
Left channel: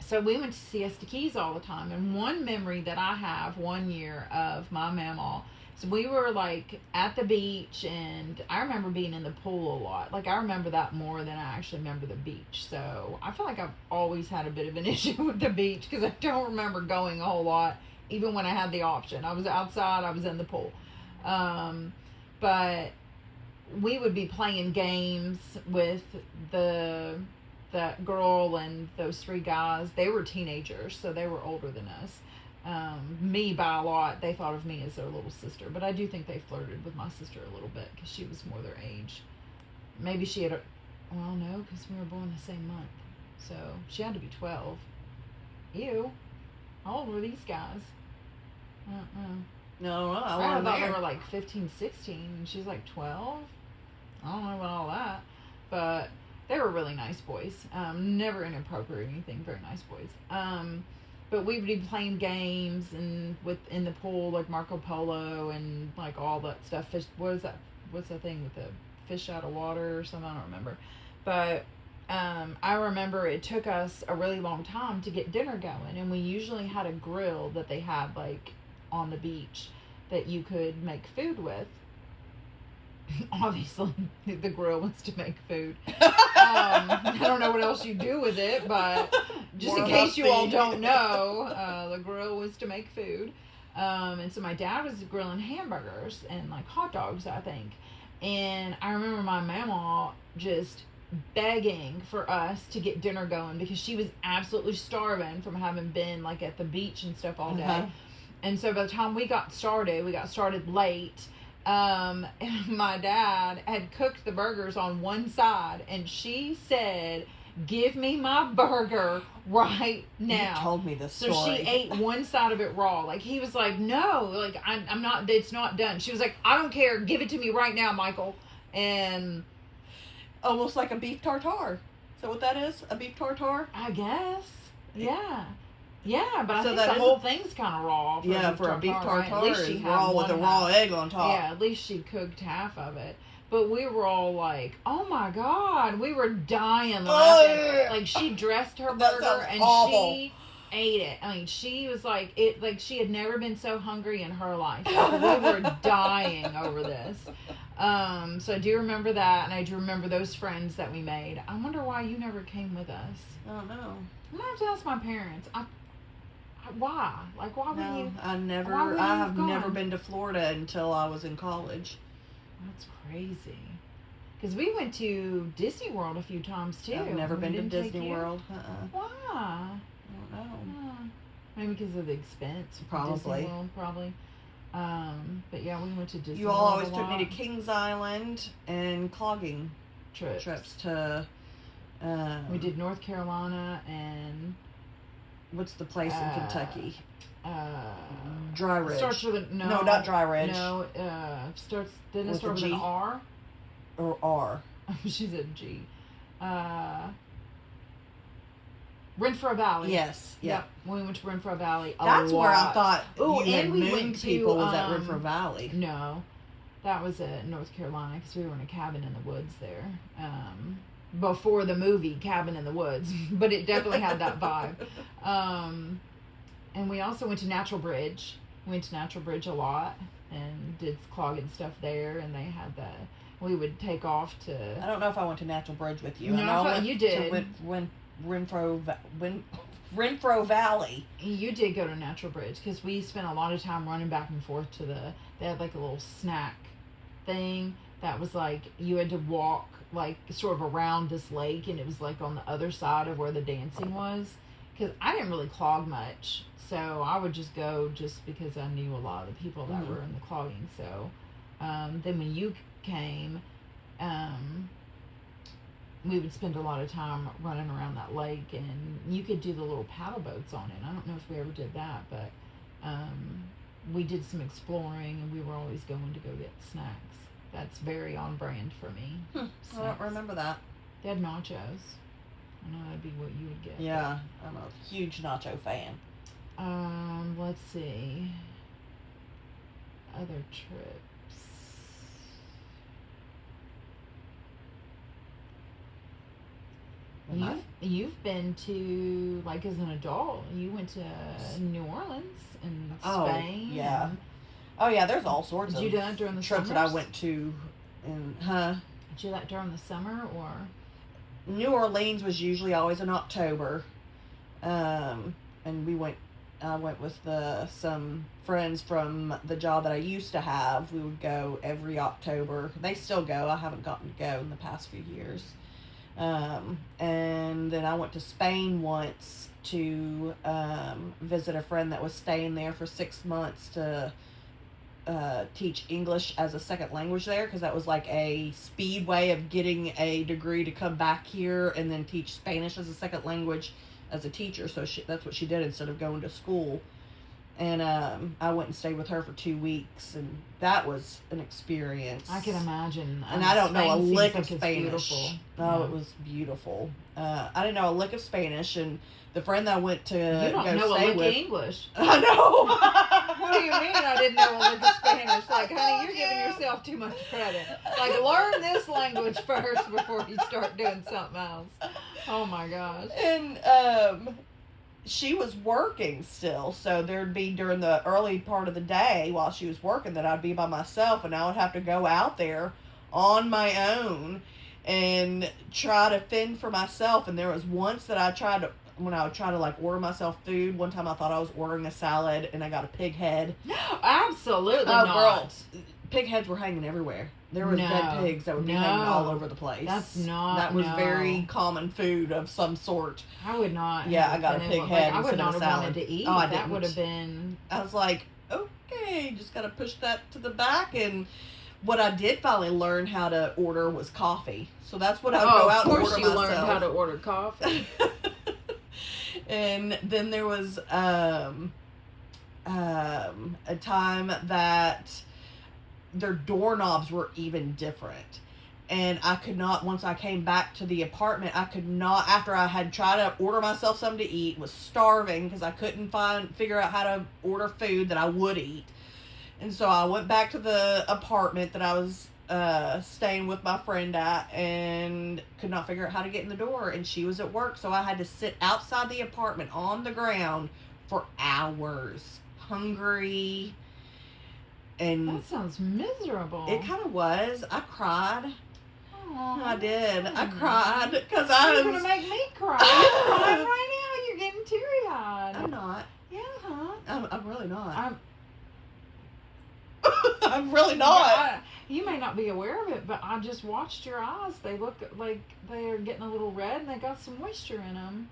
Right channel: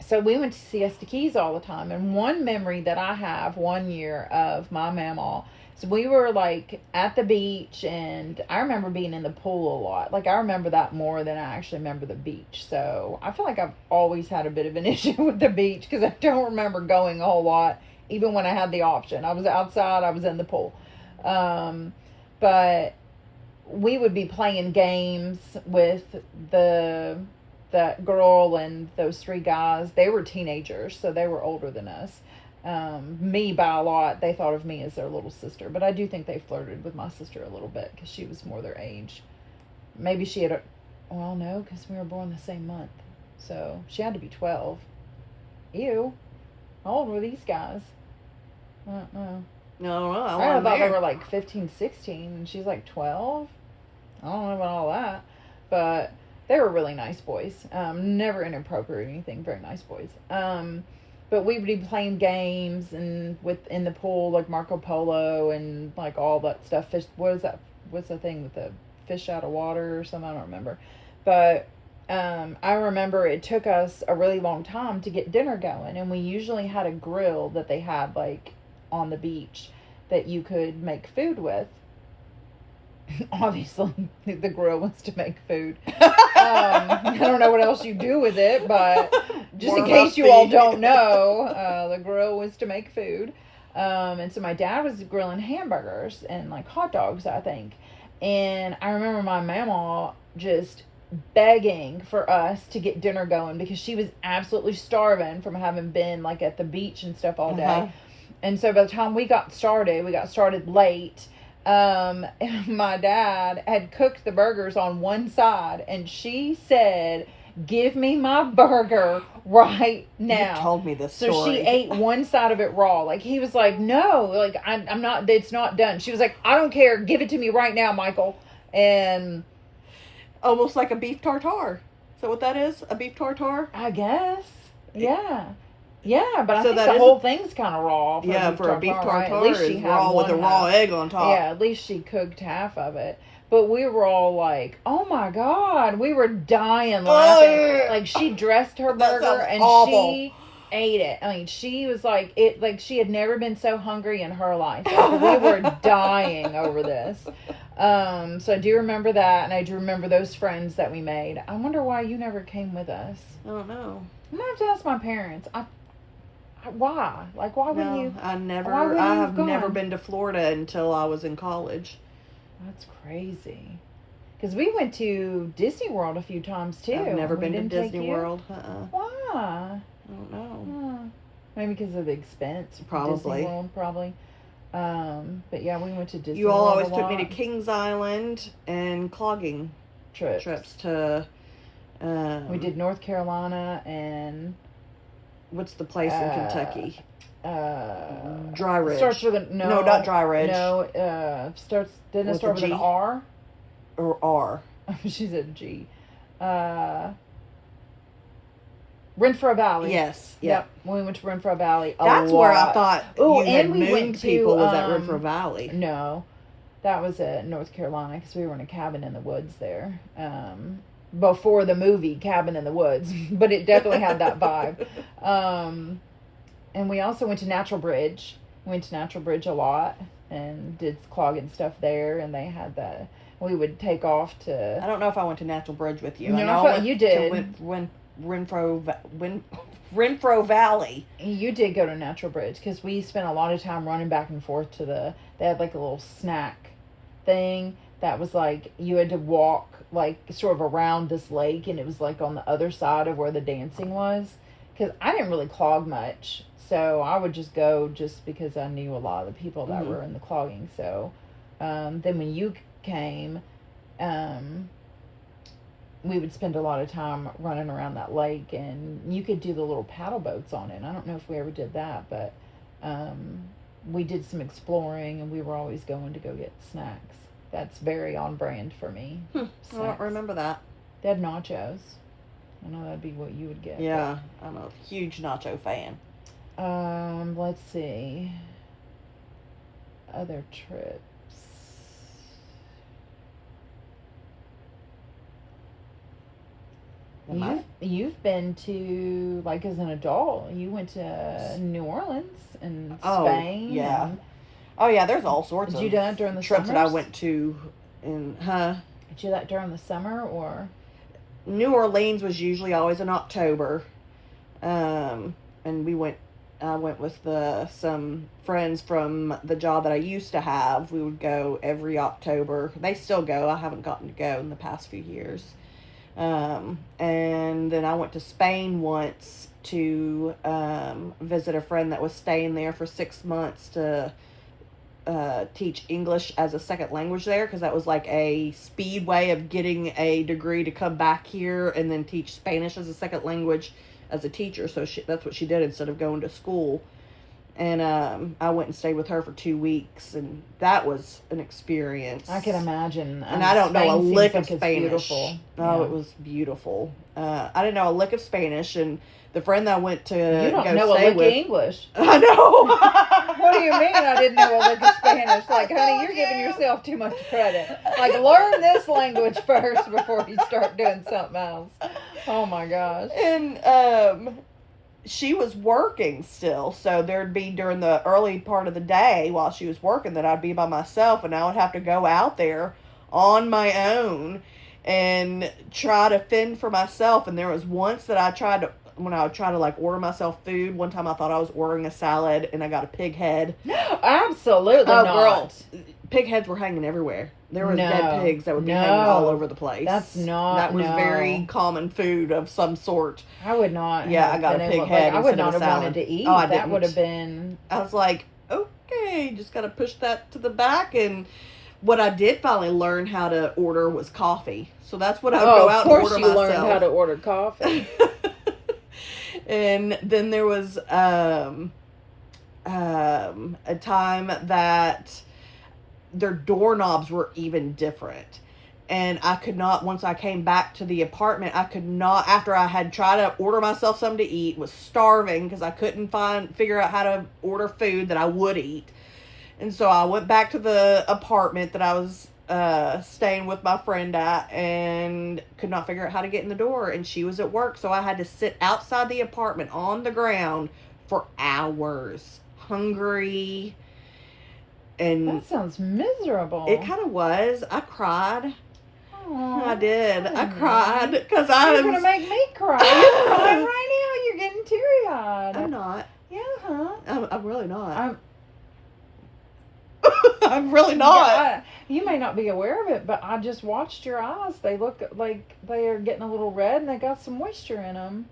So we went to Siesta Keys all the time. And one memory that I have one year of my mama, so we were like at the beach, and I remember being in the pool a lot. Like, I remember that more than I actually remember the beach. So I feel like I've always had a bit of an issue with the beach because I don't remember going a whole lot, even when I had the option. I was outside, I was in the pool. But we would be playing games with that girl and those 3 guys. They were teenagers, so they were older than us. Me by a lot. They thought of me as their little sister, but I do think they flirted with my sister a little bit because she was more their age. Maybe she had no, because we were born the same month, so she had to be 12. Ew, how old were these guys? I don't know. No, I thought they were like 15, 16, and she's like 12. I don't know about all that, but they were really nice boys. Never inappropriate or anything. Very nice boys. But we would be playing games and in the pool, like Marco Polo and like all that stuff. Fish. What is that? What's the thing with the fish out of water or something? I don't remember. But I remember it took us a really long time to get dinner going, and we usually had a grill that they had like on the beach that you could make food with. Obviously, the grill was to make food. I don't know what else you do with it, but just in case you all don't know, the grill was to make food. And so my dad was grilling hamburgers and like hot dogs, I think. And I remember my mama just begging for us to get dinner going because she was absolutely starving from having been like at the beach and stuff all day. And so by the time we got started late. My dad had cooked the burgers on one side, and she said, "Give me my burger right now." You told me this so story. She ate one side of it raw. Like he was like, "No, like I'm not. It's not done." She was like, "I don't care. Give it to me right now, Michael." And almost like a beef tartare. Is that what that is? A beef tartare? I guess, yeah. Yeah, but I So think the whole thing's kind of raw. For a beef tartare, right? At least she had raw one with a raw egg on top. Yeah, at least she cooked half of it. But we were all like, "Oh my God!" We were dying laughing. Like she dressed her burger and she ate it. I mean, she was like it. Like she had never been so hungry in her life. Like, we were dying over this. So I do remember that, and I do remember those friends that we made. I wonder why you never came with us. I don't know. I'm gonna have to ask my parents. Why? Like, why wouldn't you? I have gone? never been to Florida until I was in college. That's crazy. Because we went to Disney World a few times too. I've never been to Disney World. Why? I don't know. Maybe because of the expense. Probably. Disney World, probably. But yeah, we went to Disney You all World always took me to Kings Island and clogging trips to. We did North Carolina and. What's the place in Kentucky? Dry Ridge. Starts with a no, not Dry Ridge. No, didn't it start with an R? Or R. She said G. Renfrew Valley. Yes. Yep. We went to Renfrew Valley That's where I thought. And we went to was at Renfrew Valley. No, that was at North Carolina because we were in a cabin in the woods there. Before the movie Cabin in the Woods, but it definitely had that vibe. And we also went to Natural Bridge. We went to Natural Bridge a lot and did clogging stuff there. And they had that. We would take off to. I don't know if I went to Natural Bridge with you. No, I thought you did. Renfrew Valley. You did go to Natural Bridge because we spent a lot of time running back and forth to they had like a little snack thing that was like you had to walk like sort of around this lake, and it was like on the other side of where the dancing was, because I didn't really clog much, so I would just go just because I knew a lot of the people that were in the clogging. So then when you came, we would spend a lot of time running around that lake, and you could do the little paddle boats on it. I don't know if we ever did that, but we did some exploring, and we were always going to go get snacks. That's very on brand for me. I don't remember that. They had nachos. I know that'd be what you would get. Yeah, I'm a huge nacho fan. Let's see. Other trips. You've been to, like, as an adult, you went to New Orleans and Spain. Yeah. Oh yeah, there's all sorts of. Did you do that during the trips summers? that I went to in Did you do that during the summer or? New Orleans was usually always in October, and I went with some friends from the job that I used to have. We would go every October. They still go. I haven't gotten to go in the past few years. And then I went to Spain once to visit a friend that was staying there for 6 months to teach English as a second language there, because that was like a speed way of getting a degree to come back here and then teach Spanish as a second language as a teacher. So that's what she did instead of going to school. And I went and stayed with her for 2 weeks, and that was an experience. I can imagine. And I don't know a lick of Spanish. Beautiful. Oh, yeah. It was beautiful. I didn't know a lick of Spanish, and the friend that I went to You don't go know a stay lick of with, English. I know. What do you mean I didn't know a lick of Spanish? Like, honey, you're giving yourself too much credit. Like, learn this language first before you start doing something else. Oh my gosh. And she was working still, so there'd be during the early part of the day while she was working that I'd be by myself, and I would have to go out there on my own and try to fend for myself. And there was once that when I would try to like order myself food, one time I thought I was ordering a salad and I got a pig head. Absolutely Oh, not. girl, pig heads were hanging everywhere. There were dead pigs that would be hanging all over the place. That's not. That was very common food of some sort. I would not. Yeah, have I got a been pig able, head like, I would instead not of have salad. wanted to eat. Oh, I That didn't. would have been. I was like, okay, just gotta push that to the back. And what I did finally learn how to order was coffee. So that's what I would go out and order myself. Of course you learned how to order coffee. And then there was a time that their doorknobs were even different. And I could not, once I came back to the apartment, I could not, after I had tried to order myself something to eat, was starving because I couldn't figure out how to order food that I would eat. And so I went back to the apartment that I was staying with my friend at and could not figure out how to get in the door. And she was at work, so I had to sit outside the apartment on the ground for hours, hungry. And that sounds miserable. it kind of was. I cried. Aww, I did. I know. cried because You're gonna make me cry. You're crying right now. You're getting teary-eyed. I'm not. Yeah, huh? I'm really not. I'm I'm really not. Yeah, you may not be aware of it, but I just watched your eyes. They look like they are getting a little red, and they got some moisture in them.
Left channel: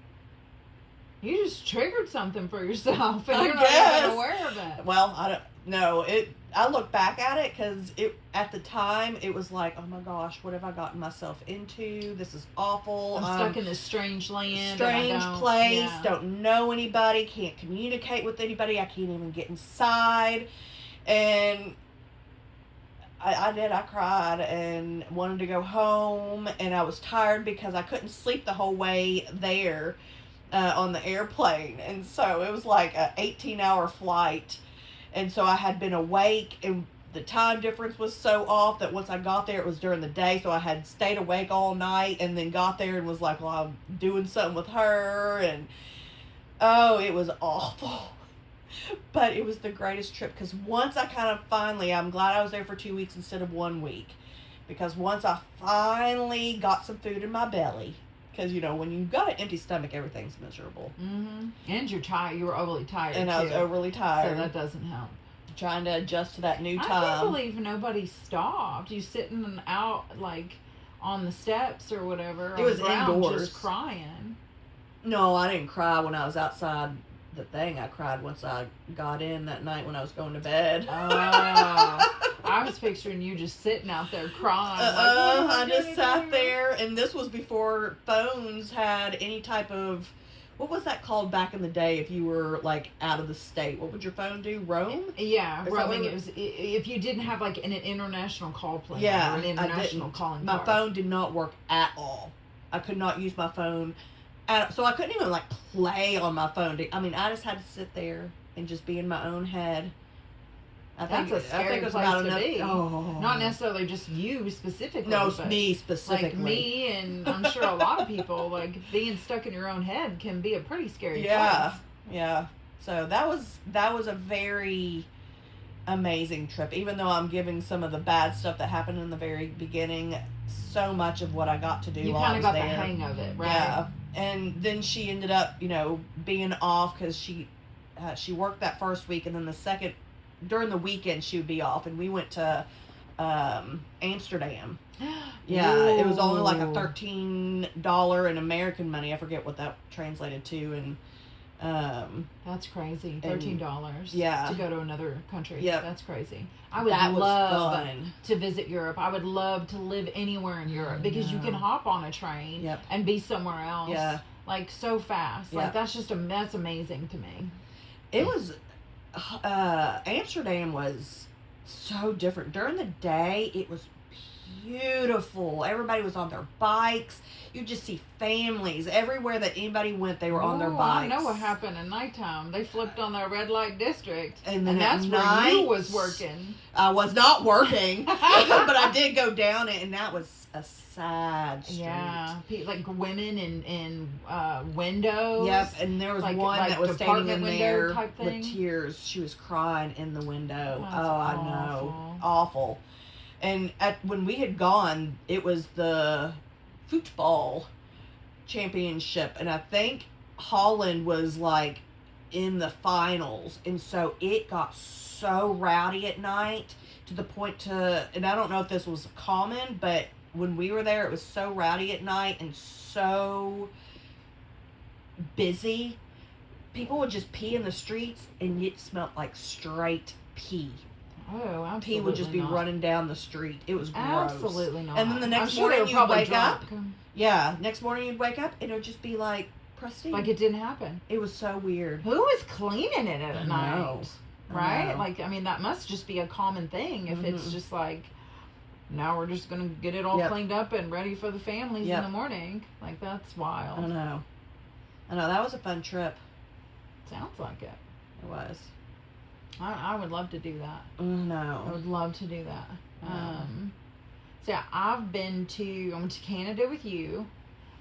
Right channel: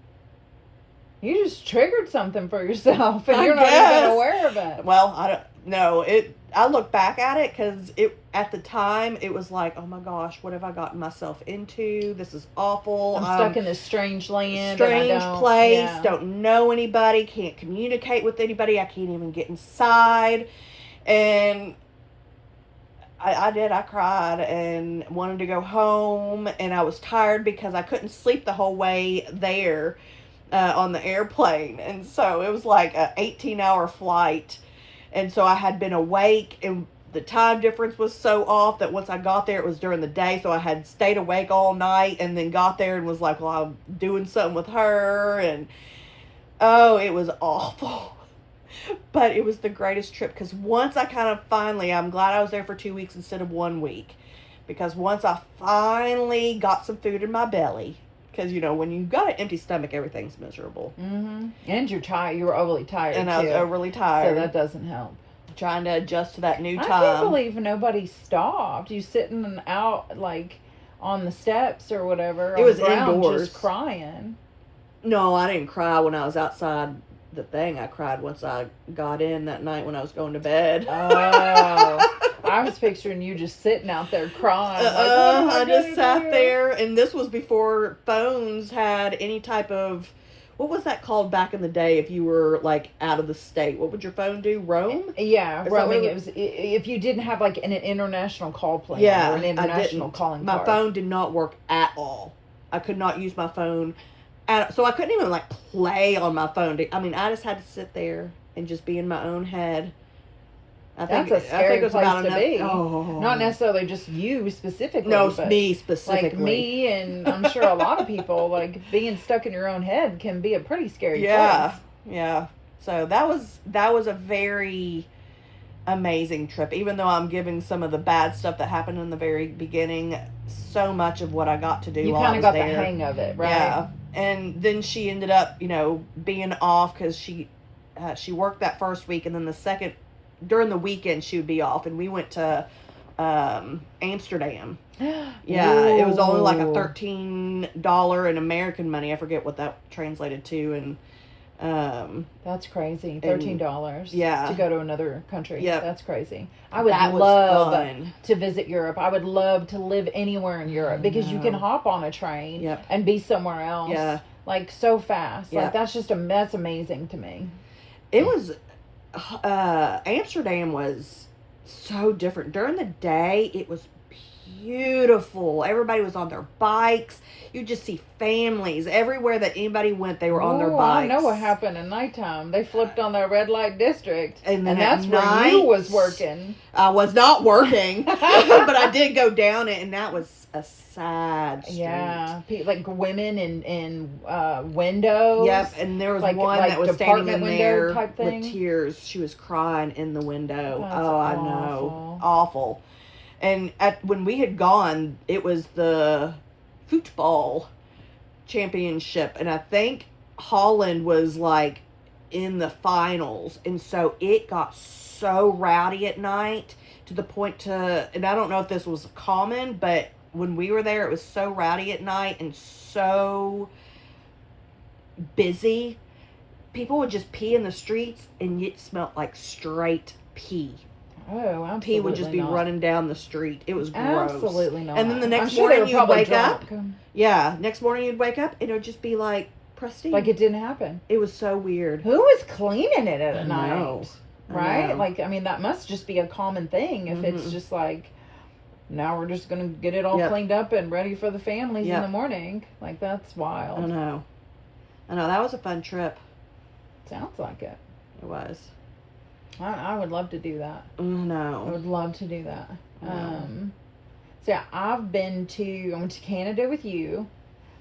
You just triggered something for yourself, and you're not even aware of it. Well, I don't know. I look back at it because at the time it was like, oh my gosh, what have I gotten myself into? This is awful. I'm stuck in this strange land, strange and I don't, place. yeah. Don't know anybody. Can't communicate with anybody. I can't even get inside. And I did. I cried and wanted to go home, and I was tired because I couldn't sleep the whole way there on the airplane, and so it was like a 18-hour flight. And so I had been awake, and the time difference was so off that once I got there, it was during the day. So I had stayed awake all night and then got there and was like, well, I'm doing something with her. And, oh, it was awful. But it was the greatest trip because once I kind of finally, I'm glad I was there for 2 weeks instead of 1 week. Because once I finally got some food in my belly, because, you know, when you've got an empty stomach, everything's miserable. Mm-hmm. And you're tired. You were overly tired, And too. I was overly tired. So that doesn't help. Trying to adjust to that new time. I can't believe nobody stopped. You sitting out, like, on the steps or whatever. It was on the ground, indoors. just crying. No, I didn't cry when I was outside the thing. I cried once I got in that night when I was going to bed. Oh. I was picturing you just sitting out there crying. Like, what am I just sat do? there, and this was before phones had any type of, what was that called back in the day if you were, like, out of the state? What would your phone do? Roam? Yeah, Is roaming. that It was if you didn't have, like, an international call plan Yeah, or an I international didn't. calling My card. phone did not work at all. I could not use my phone. So I couldn't even, like, play on my phone. I mean, I just had to sit there and just be in my own head. That's a scary place to be. Oh. Not necessarily just you specifically. No, but me specifically. like me, and I'm sure a lot of people, like, being stuck in your own head can be a pretty scary place. Yeah. So that was a very amazing trip. Even though I'm giving some of the bad stuff that happened in the very beginning, so much of what I got to do. You kind of got the hang of it, right? Yeah. And then she ended up, being off because she worked that first week, and then during the weekend she would be off, and we went to Amsterdam. Yeah, it was only like a $13 in American money. I forget what that translated to, and that's crazy. $13. Yeah. To go to another country. Yeah. That's crazy. I would love to visit Europe. I would love to live anywhere in Europe because you can hop on a train and be somewhere else. Yeah. Like, so fast. Yeah. Like, that's amazing to me. It was Amsterdam was so different. During the day, it was beautiful. Everybody was on their bikes. You just see families everywhere that anybody went. They were on their Ooh, bikes. I know what happened at nighttime. They flipped on their red light district, And and that's where you was working. I was not working, but I did go down it, and that was a sad street. Yeah, like women in windows. Yep, and there was like one that was standing in window there type thing. with tears. She was crying in the window. That's I know, awful. And when we had gone, it was the football championship, and I think Holland was like in the finals, and so it got so rowdy at night to the point and I don't know if this was common, but when we were there, it was so rowdy at night and so busy. People would just pee in the streets, and it smelled like straight pee. Oh, absolutely Pee would just be not. running down the street. It was gross. Absolutely not. And then the next I'm sure morning they were you'd probably wake drunk. up. Yeah, next morning you'd wake up, and it would just be like pristine. Like it didn't happen. It was so weird. Who was cleaning it at I night? know. Right? Like, I mean, that must just be a common thing if it's just like, now we're just going to get it all cleaned up and ready for the families in the morning. Like, that's wild. I know. That was a fun trip. Sounds like it. It was. I would love to do that. I No. would love to do that. No. So yeah, I went to Canada with you,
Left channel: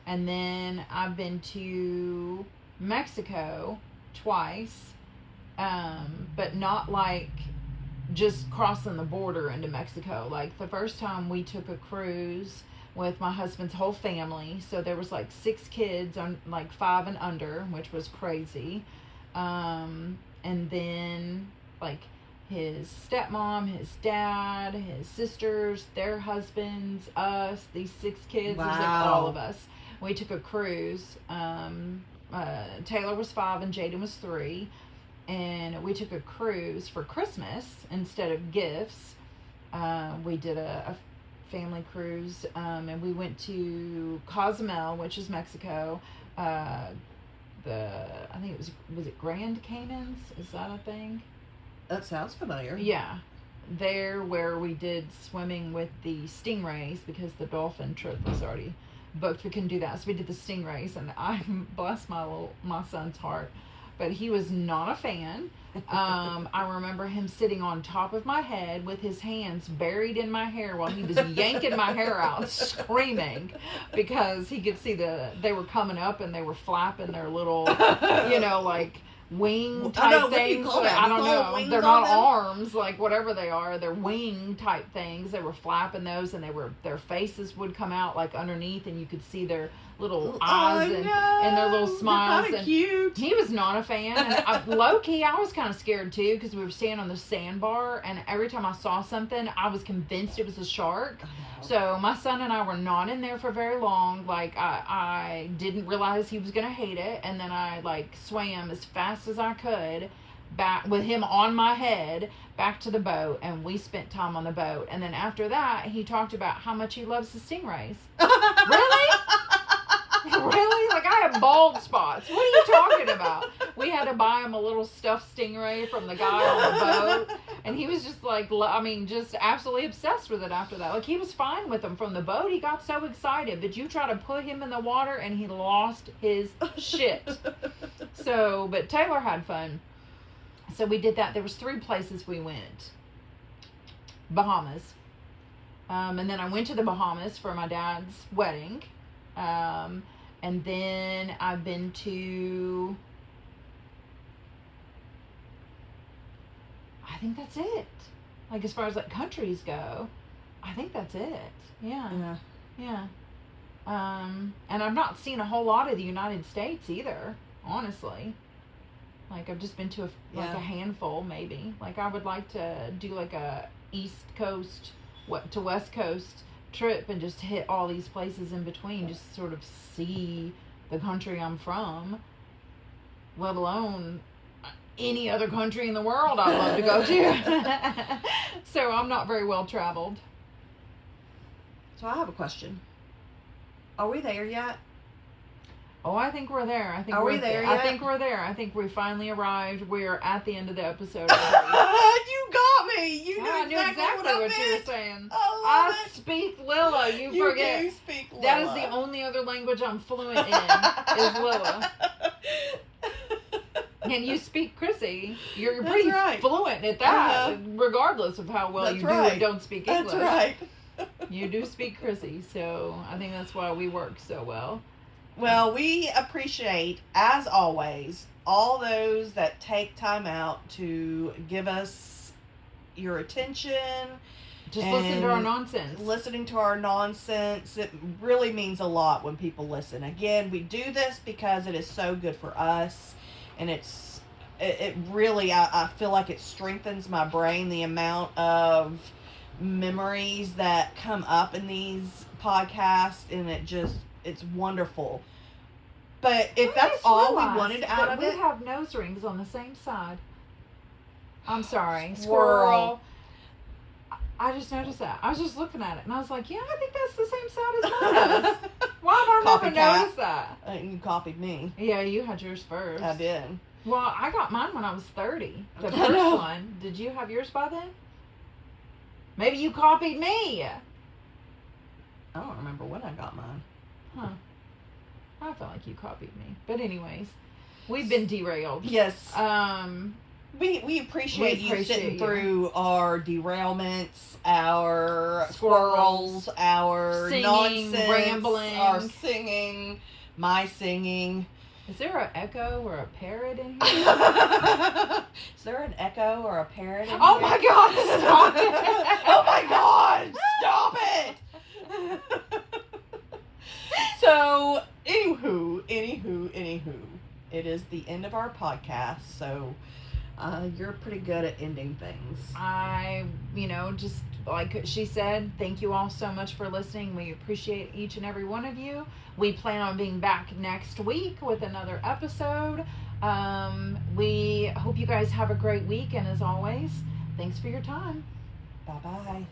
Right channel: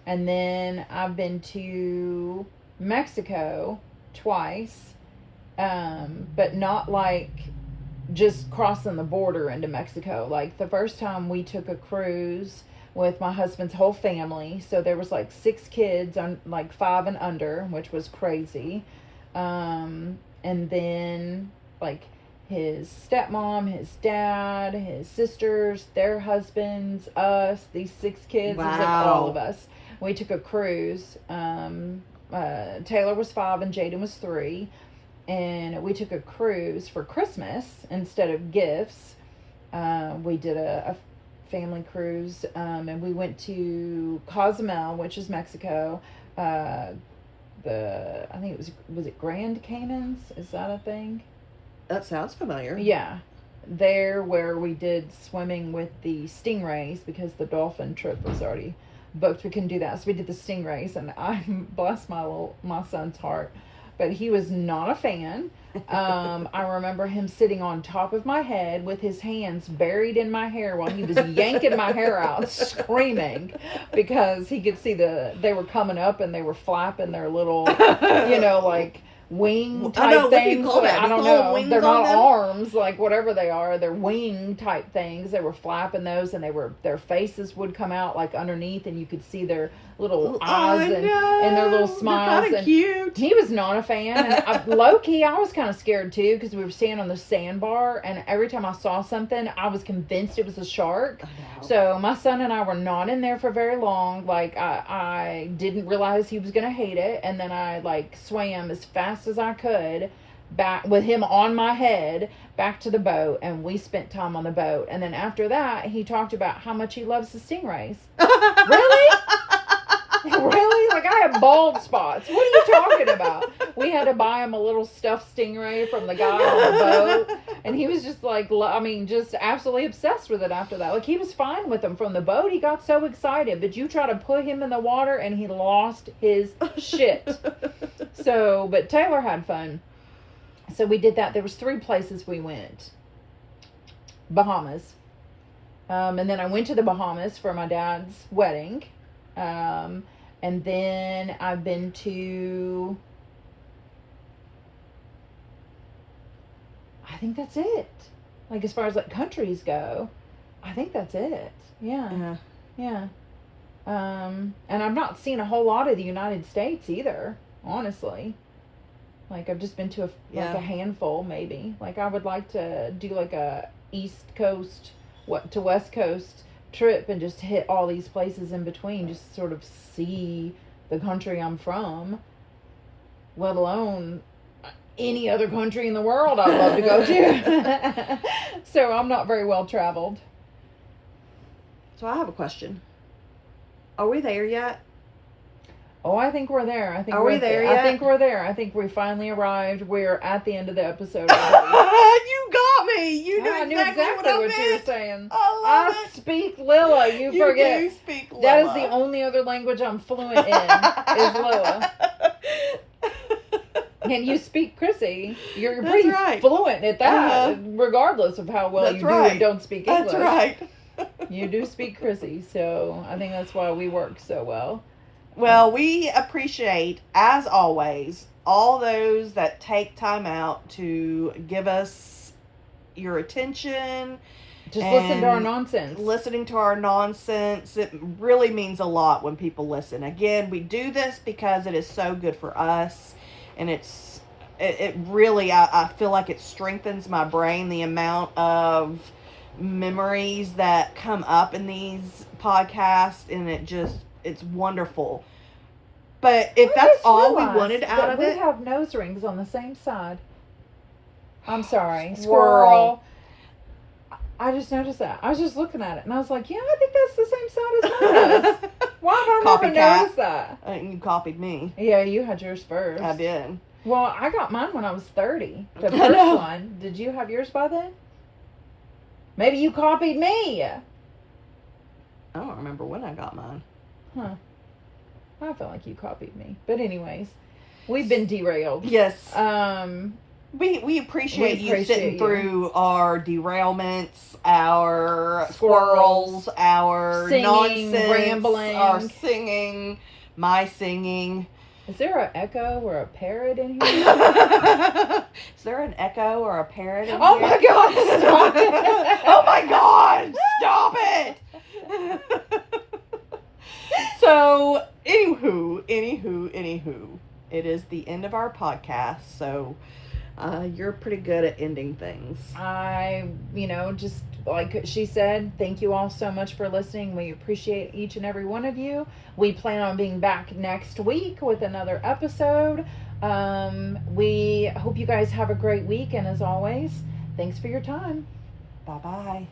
and then I've been to Mexico twice, but not like just crossing the border into Mexico. Like the first time we took a cruise with my husband's whole family, so there was like 6 kids on like 5 and under, which was crazy. And then like his stepmom, his dad, his sisters, their husbands, us, these 6 kids. It was like all of us. We took a cruise. Taylor was 5 and Jaden was 3. And we took a cruise for Christmas instead of gifts. We did a family cruise, and we went to Cozumel, which is Mexico. I think it was it Grand Caymans? Is that a thing? That sounds familiar. Yeah. There where we did swimming with the stingrays because the dolphin trip was already booked. We couldn't do that. So we did the stingrays, and I bless my son's heart. But he was not a fan. I remember him sitting on top of my head with his hands buried in my hair while he was yanking my hair out, screaming, because he could see they were coming up and they were flapping their little, like wing type things. I don't know. They're not arms, like whatever they are. They're wing type things. They were flapping those, and their faces would come out like underneath, and you could see their little eyes and their little smiles. And cute. He was not a fan, and low key, I was kind of scared too because we were standing on the sandbar, and every time I saw something, I was convinced it was a shark. So my son and I were not in there for very long. Like I didn't realize he was gonna hate it, and then I like swam as fast as I could back with him on my head back to the boat, and we spent time on the boat. And then after that, he talked about how much he loves the stingrays. Really? Really? Like, I have bald spots. What are you talking about? We had to buy him a little stuffed stingray from the guy on the boat, and he was just like, just absolutely obsessed with it after that. Like, he was fine with them from the boat. He got so excited, but you try to put him in the water, and he lost his shit. So, but Taylor had fun. So we did that. There was 3 places we went. Bahamas. And then I went to the Bahamas for my dad's wedding. And then I've been to, I think that's it. Like, as far as like countries go, I think that's it. Yeah. And I've not seen a whole lot of the United States either, honestly. Like, I've just been to a handful, maybe. Like, I would like to do like a East Coast to West Coast trip and just hit all these places in between, just sort of see the country I'm from, let alone any other country in the world I'd love to go to. So I'm not very well traveled. So I have a question. Are we there yet? Oh, I think we're there. I think Are we're we there I yet? think we're there. I think we finally arrived. We're at the end of the episode. already. You got me. You knew I knew exactly exactly what you were meant. saying. I love it. Speak Lilla. You forget. do speak Lilla. That is the only other language I'm fluent in is Lilla. And you speak Chrissy. You're That's pretty right. fluent at that, regardless of how well That's you do right. and don't speak English. That's right. You do speak Chrissy, so I think that's why we work so well. Well, we appreciate, as always, all those that take time out to give us your attention. Just listen to our And nonsense. Listening to our nonsense. It really means a lot when people listen. Again, we do this because it is so good for us. And it really, I feel like it strengthens my brain, the amount of memories that come up in these podcasts. And it's wonderful. But if I that's just all we realized wanted out that of we it. have nose rings on the same side. I'm sorry. Squirrel. Squirrel. I just noticed that. I was just looking at it and I was like, yeah, I think that's the same side as my nose. Why did I never Copycat. notice that? You copied me. Yeah, you had yours first. I did. Well, I got mine when I was 30. The I first know. one. Did you have yours by then? Maybe you copied me. I don't remember when I got mine. Huh. I feel like you copied me. But anyways, we've been derailed. Yes. We We appreciate, you appreciate sitting you. through our derailments, our Squirrels, squirrels, our singing, nonsense, rambling. our singing, my singing. Is there an echo or a parrot in here? Is there an echo or a parrot in Oh here? my God, stop it. Oh my God, stop it. So, anywho, it is the end of our podcast, so you're pretty good at ending things. Just like she said, thank you all so much for listening. We appreciate each and every one of you. We plan on being back next week with another episode. We hope you guys have a great week, and as always, thanks for your time. Bye-bye.